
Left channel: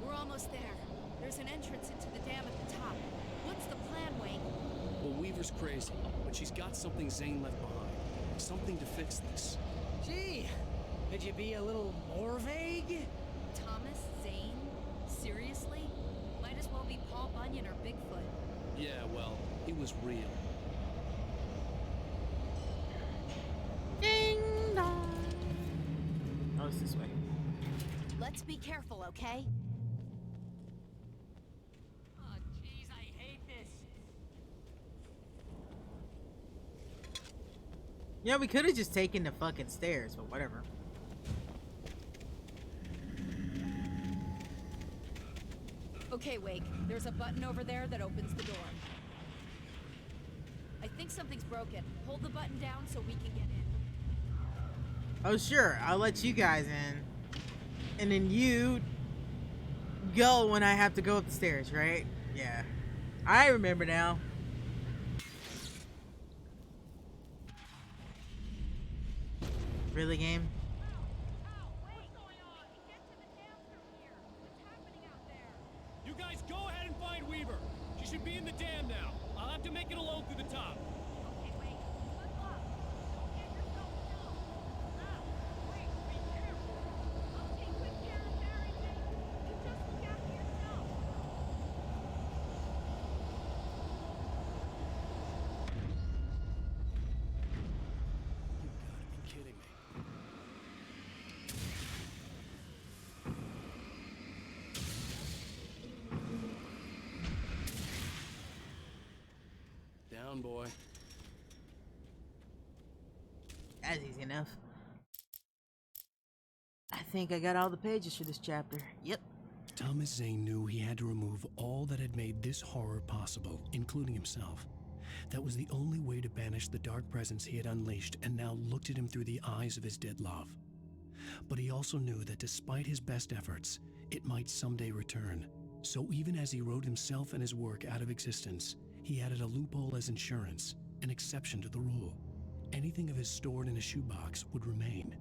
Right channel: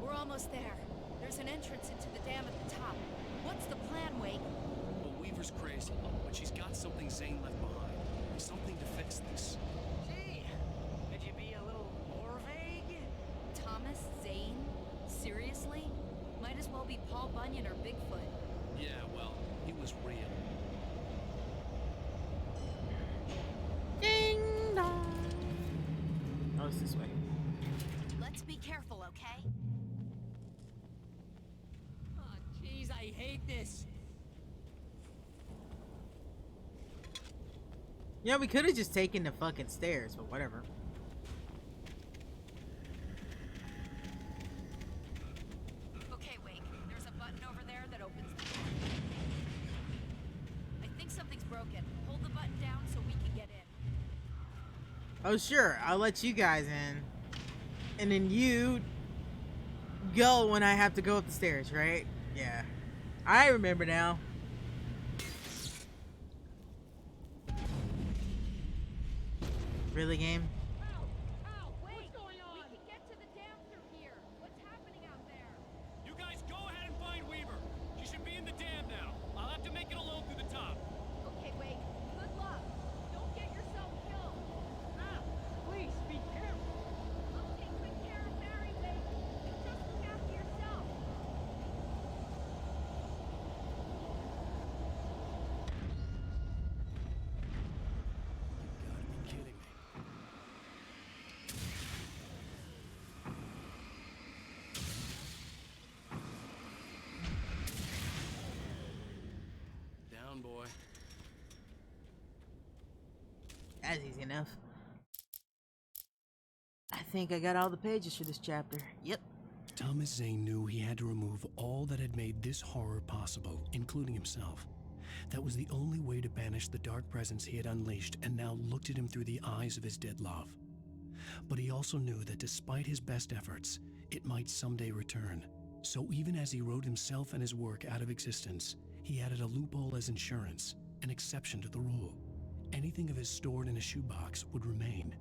We're almost there. There's an entrance into the dam at the top. What's the plan, Wake? Well, Weaver's crazy, but she's got something Zane left behind. Something to fix this. Gee, could you be a little more vague? Thomas Zane? Seriously? Might as well be Paul Bunyan or Bigfoot. Yeah, well, he was real. Ding dong. Oh, it's this way. Let's be careful, okay? Oh, jeez, I hate this. Yeah, we could have just taken the fucking stairs, but whatever. Okay, Wake. There's a button over there that opens the door. I think something's broken. Hold the button down so we can get in. Oh, sure. I'll let you guys in. And then you go when I have to go up the stairs, right? Yeah. I remember now. Really, game? You guys go ahead and find Weaver. She should be in the dam now. I'll have to make it alone through the top. Okay, wait. Good luck. Don't get yourself killed. Ah, please be careful. I'll take good care of Barry, Wade. You just look after yourself. You gotta be kidding me. Down, boy. That's easy enough. I think I got all the pages for this chapter. Yep. Thomas Zane knew he had to remove all that had made this horror possible, including himself. That was the only way to banish the dark presence he had unleashed and now looked at him through the eyes of his dead love. But he also knew that despite his best efforts, it might someday return. So even as he wrote himself and his work out of existence, he added a loophole as insurance, an exception to the rule. Anything of his stored in a shoebox would remain.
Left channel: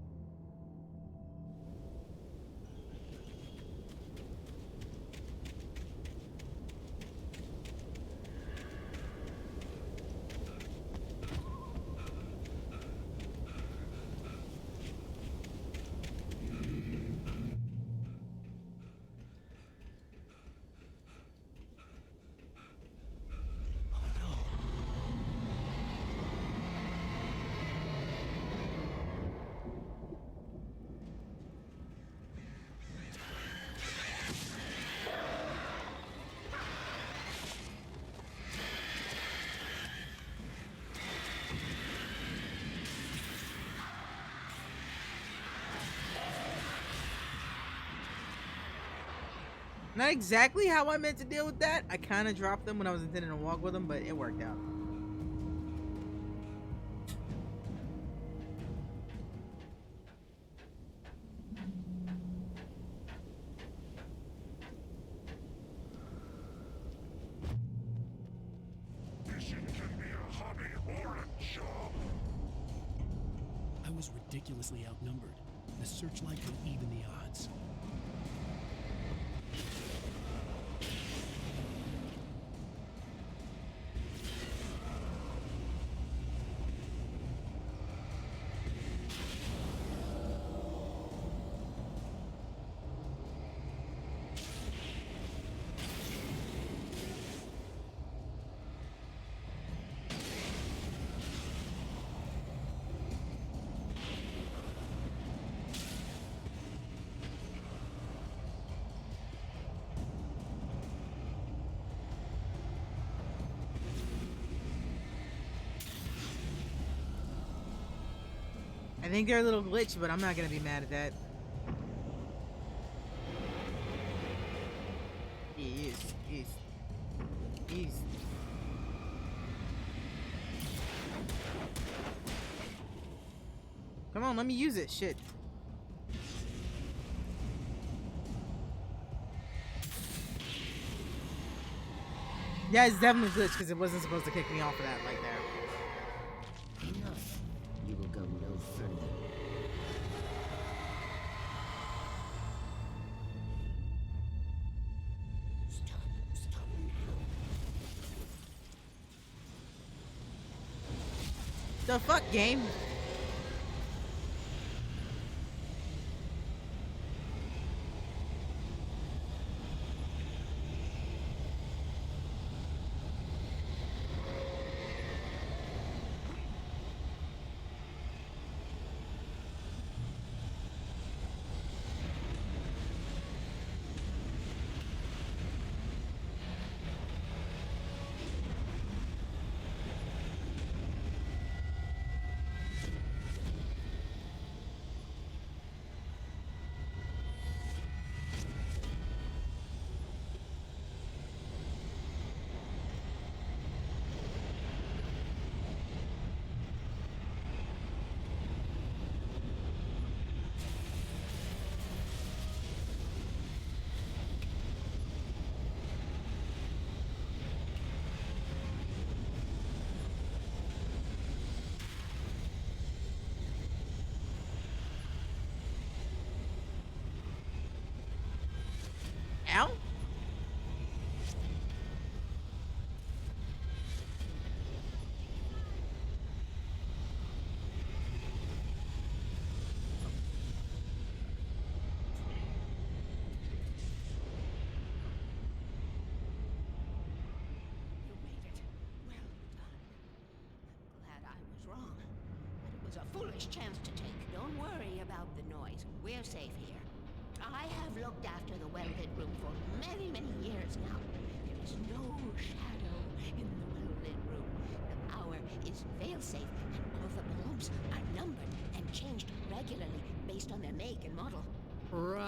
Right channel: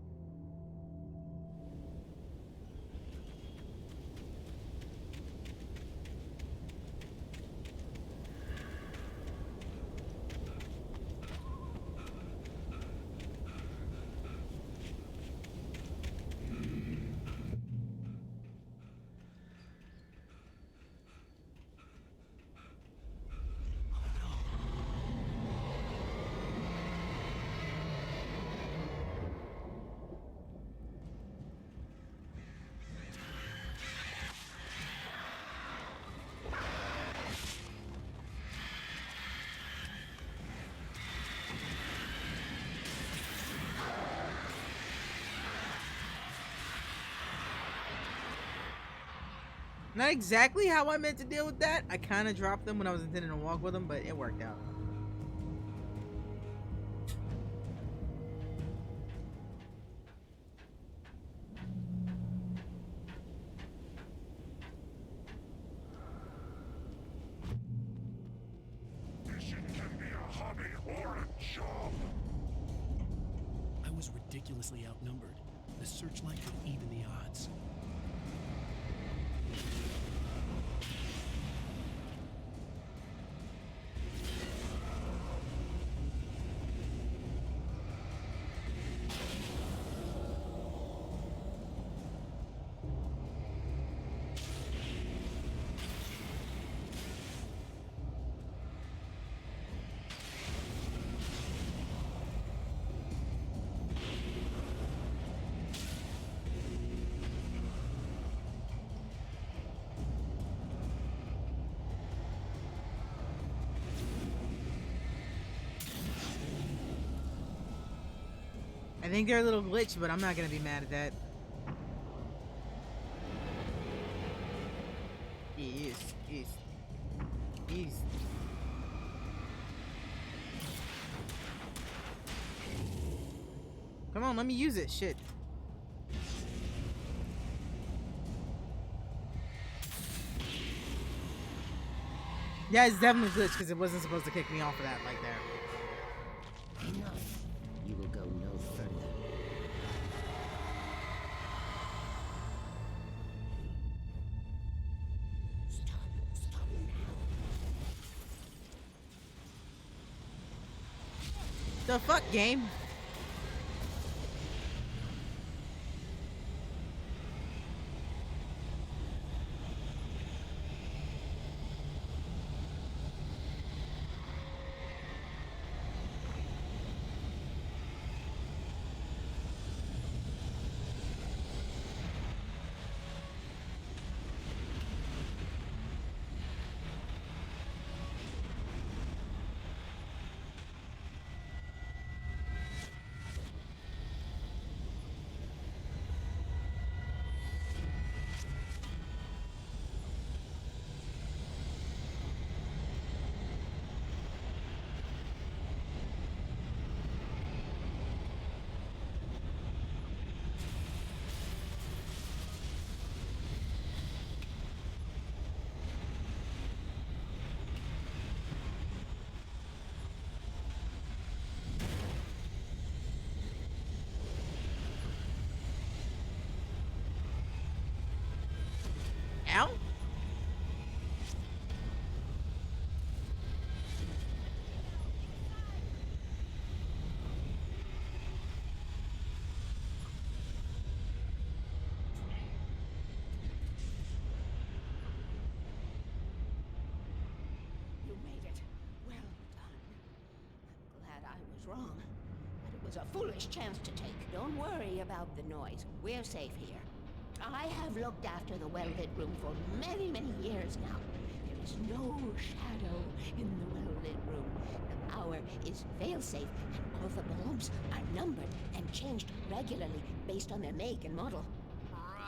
Not exactly how I meant to deal with that. I kind of dropped them when I was intending to walk with them, but it worked out. Fishing can be a hobby or a job. I was ridiculously outnumbered. The searchlight would even the odds. I think they're a little glitched, but I'm not gonna be mad at that. Yes. Come on, let me use it. Shit. Yeah, it's definitely glitched because it wasn't supposed to kick me off of that like that. Enough. You will go no further. Stop now. The fuck, game? now? You made it. Well done. I'm glad I was wrong. But it was a foolish chance to take. Don't worry about the noise. We're safe here. I have looked after the well-lit room for many, many years now. There is no shadow in the well-lit room. The power is fail-safe, and all the bulbs are numbered and changed regularly based on their make and model. Right.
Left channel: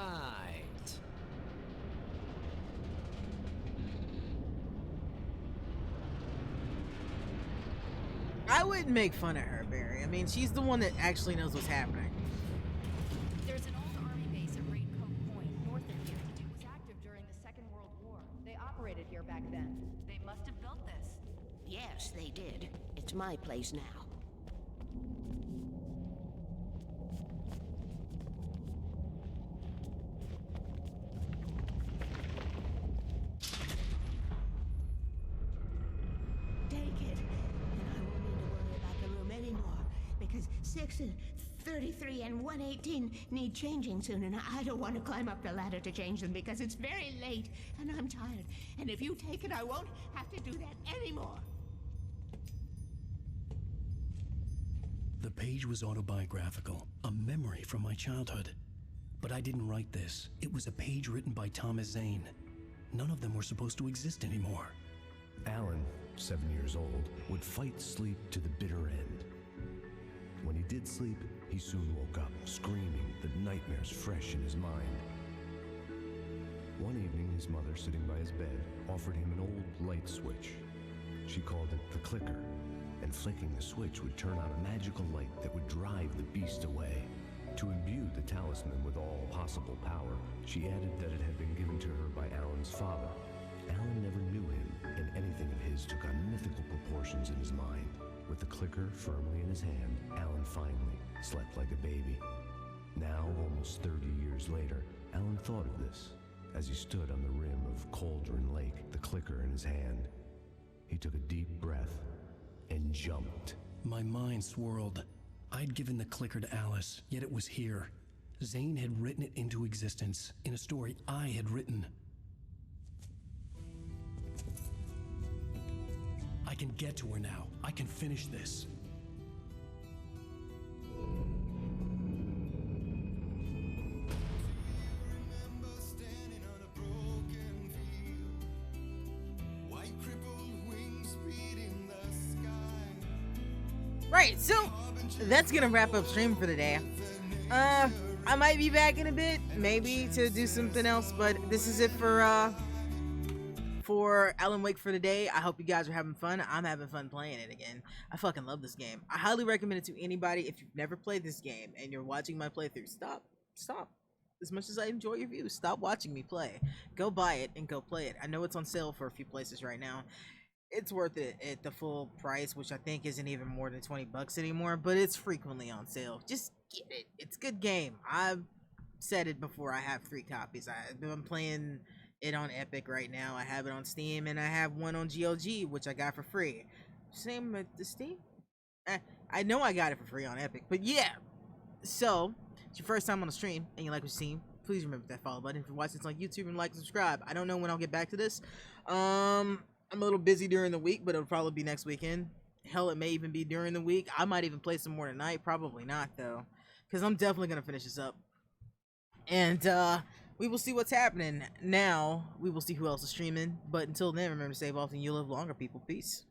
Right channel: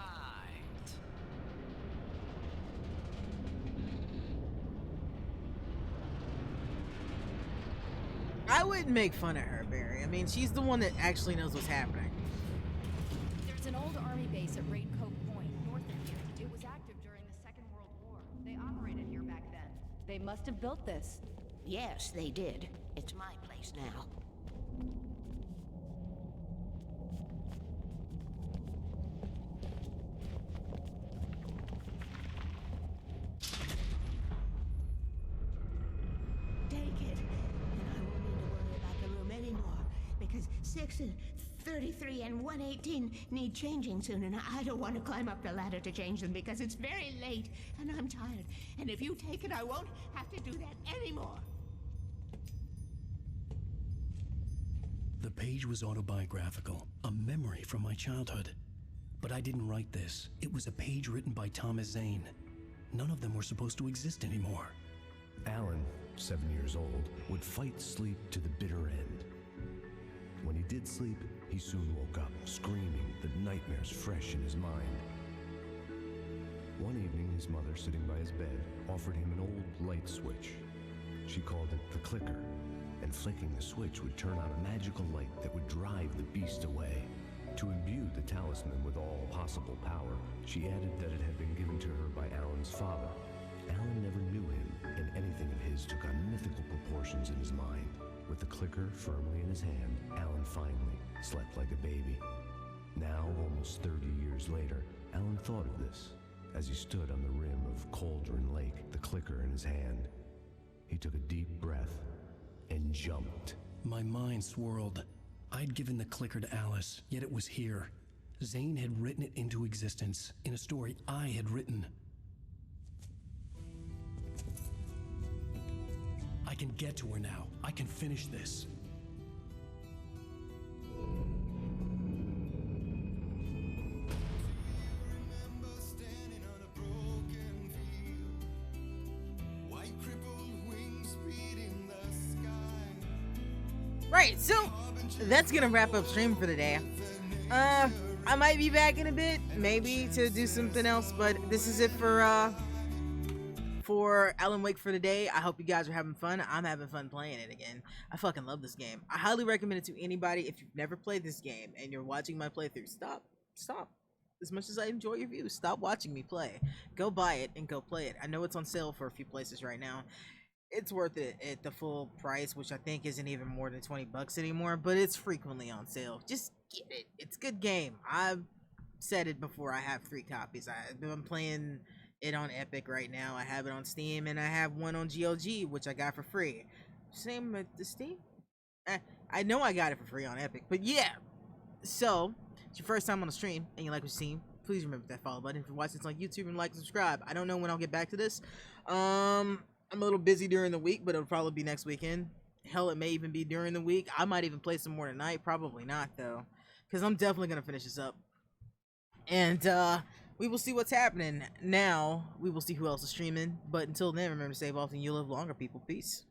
I wouldn't make fun of her, Barry. I mean, she's the one that actually knows what's happening. There's an old army base at Raid Cove Point, north of here. It was active during the Second World War. They operated here back then. They must have built this. Yes, they did. It's my place now. Take it, and I won't need to worry about the room anymore, because 6 and 33 and 118 need changing soon, and I don't want to climb up the ladder to change them because it's very late, and I'm tired. And if you take it, I won't have to do that anymore. The page was autobiographical, a memory from my childhood. But I didn't write this. It was a page written by Thomas Zane. None of them were supposed to exist anymore. Alan, 7 years old, would fight sleep to the bitter end. When he did sleep, he soon woke up, screaming, the nightmares fresh in his mind. One evening, his mother, sitting by his bed, offered him an old light switch. She called it the clicker, and flicking the switch would turn on a magical light that would drive the beast away. To imbue the talisman with all possible power, she added that it had been given to her by Alan's father. Alan never knew him, and anything of his took on mythical proportions in his mind. With the clicker firmly in his hand, Alan finally slept like a baby. Now, almost 30 years later, Alan thought of this as he stood on the rim of Cauldron Lake, the clicker in his hand. He took a deep breath and jumped. My mind swirled. I'd given the clicker to Alice, yet it was here. Zane had written it into existence in a story I had written. I can get to her now. I can finish this. Right, so that's gonna wrap up stream for the day. I might be back in a bit, maybe to do something else, but this is it for Alan Wake for the day. I hope you guys are having fun. I'm having fun playing it again. I fucking love this game. I highly recommend it to anybody. If you've never played this game and you're watching my playthrough, stop. As much as I enjoy your views, stop watching me play. Go buy it and go play it. I know it's on sale for a few places right now. It's worth it at the full price, which I think isn't even more than 20 bucks anymore, but it's frequently on sale. Just get it. It's a good game. I've said it before. I have 3 copies. I'm playing it on Epic right now. I have it on Steam, and I have one on GOG, which I got for free. Same with the Steam. I know I got it for free on Epic, but yeah. So, it's your first time on the stream, and you like what you see, please remember that follow button. If you're watching this on YouTube, and like and subscribe. I don't know when I'll get back to this. I'm a little busy during the week, but it'll probably be next weekend. Hell, it may even be during the week. I might even play some more tonight. Probably not, though, because I'm definitely going to finish this up. And we will see what's happening. Now, we will see who else is streaming. But until then, remember to save often, you live longer, people. Peace.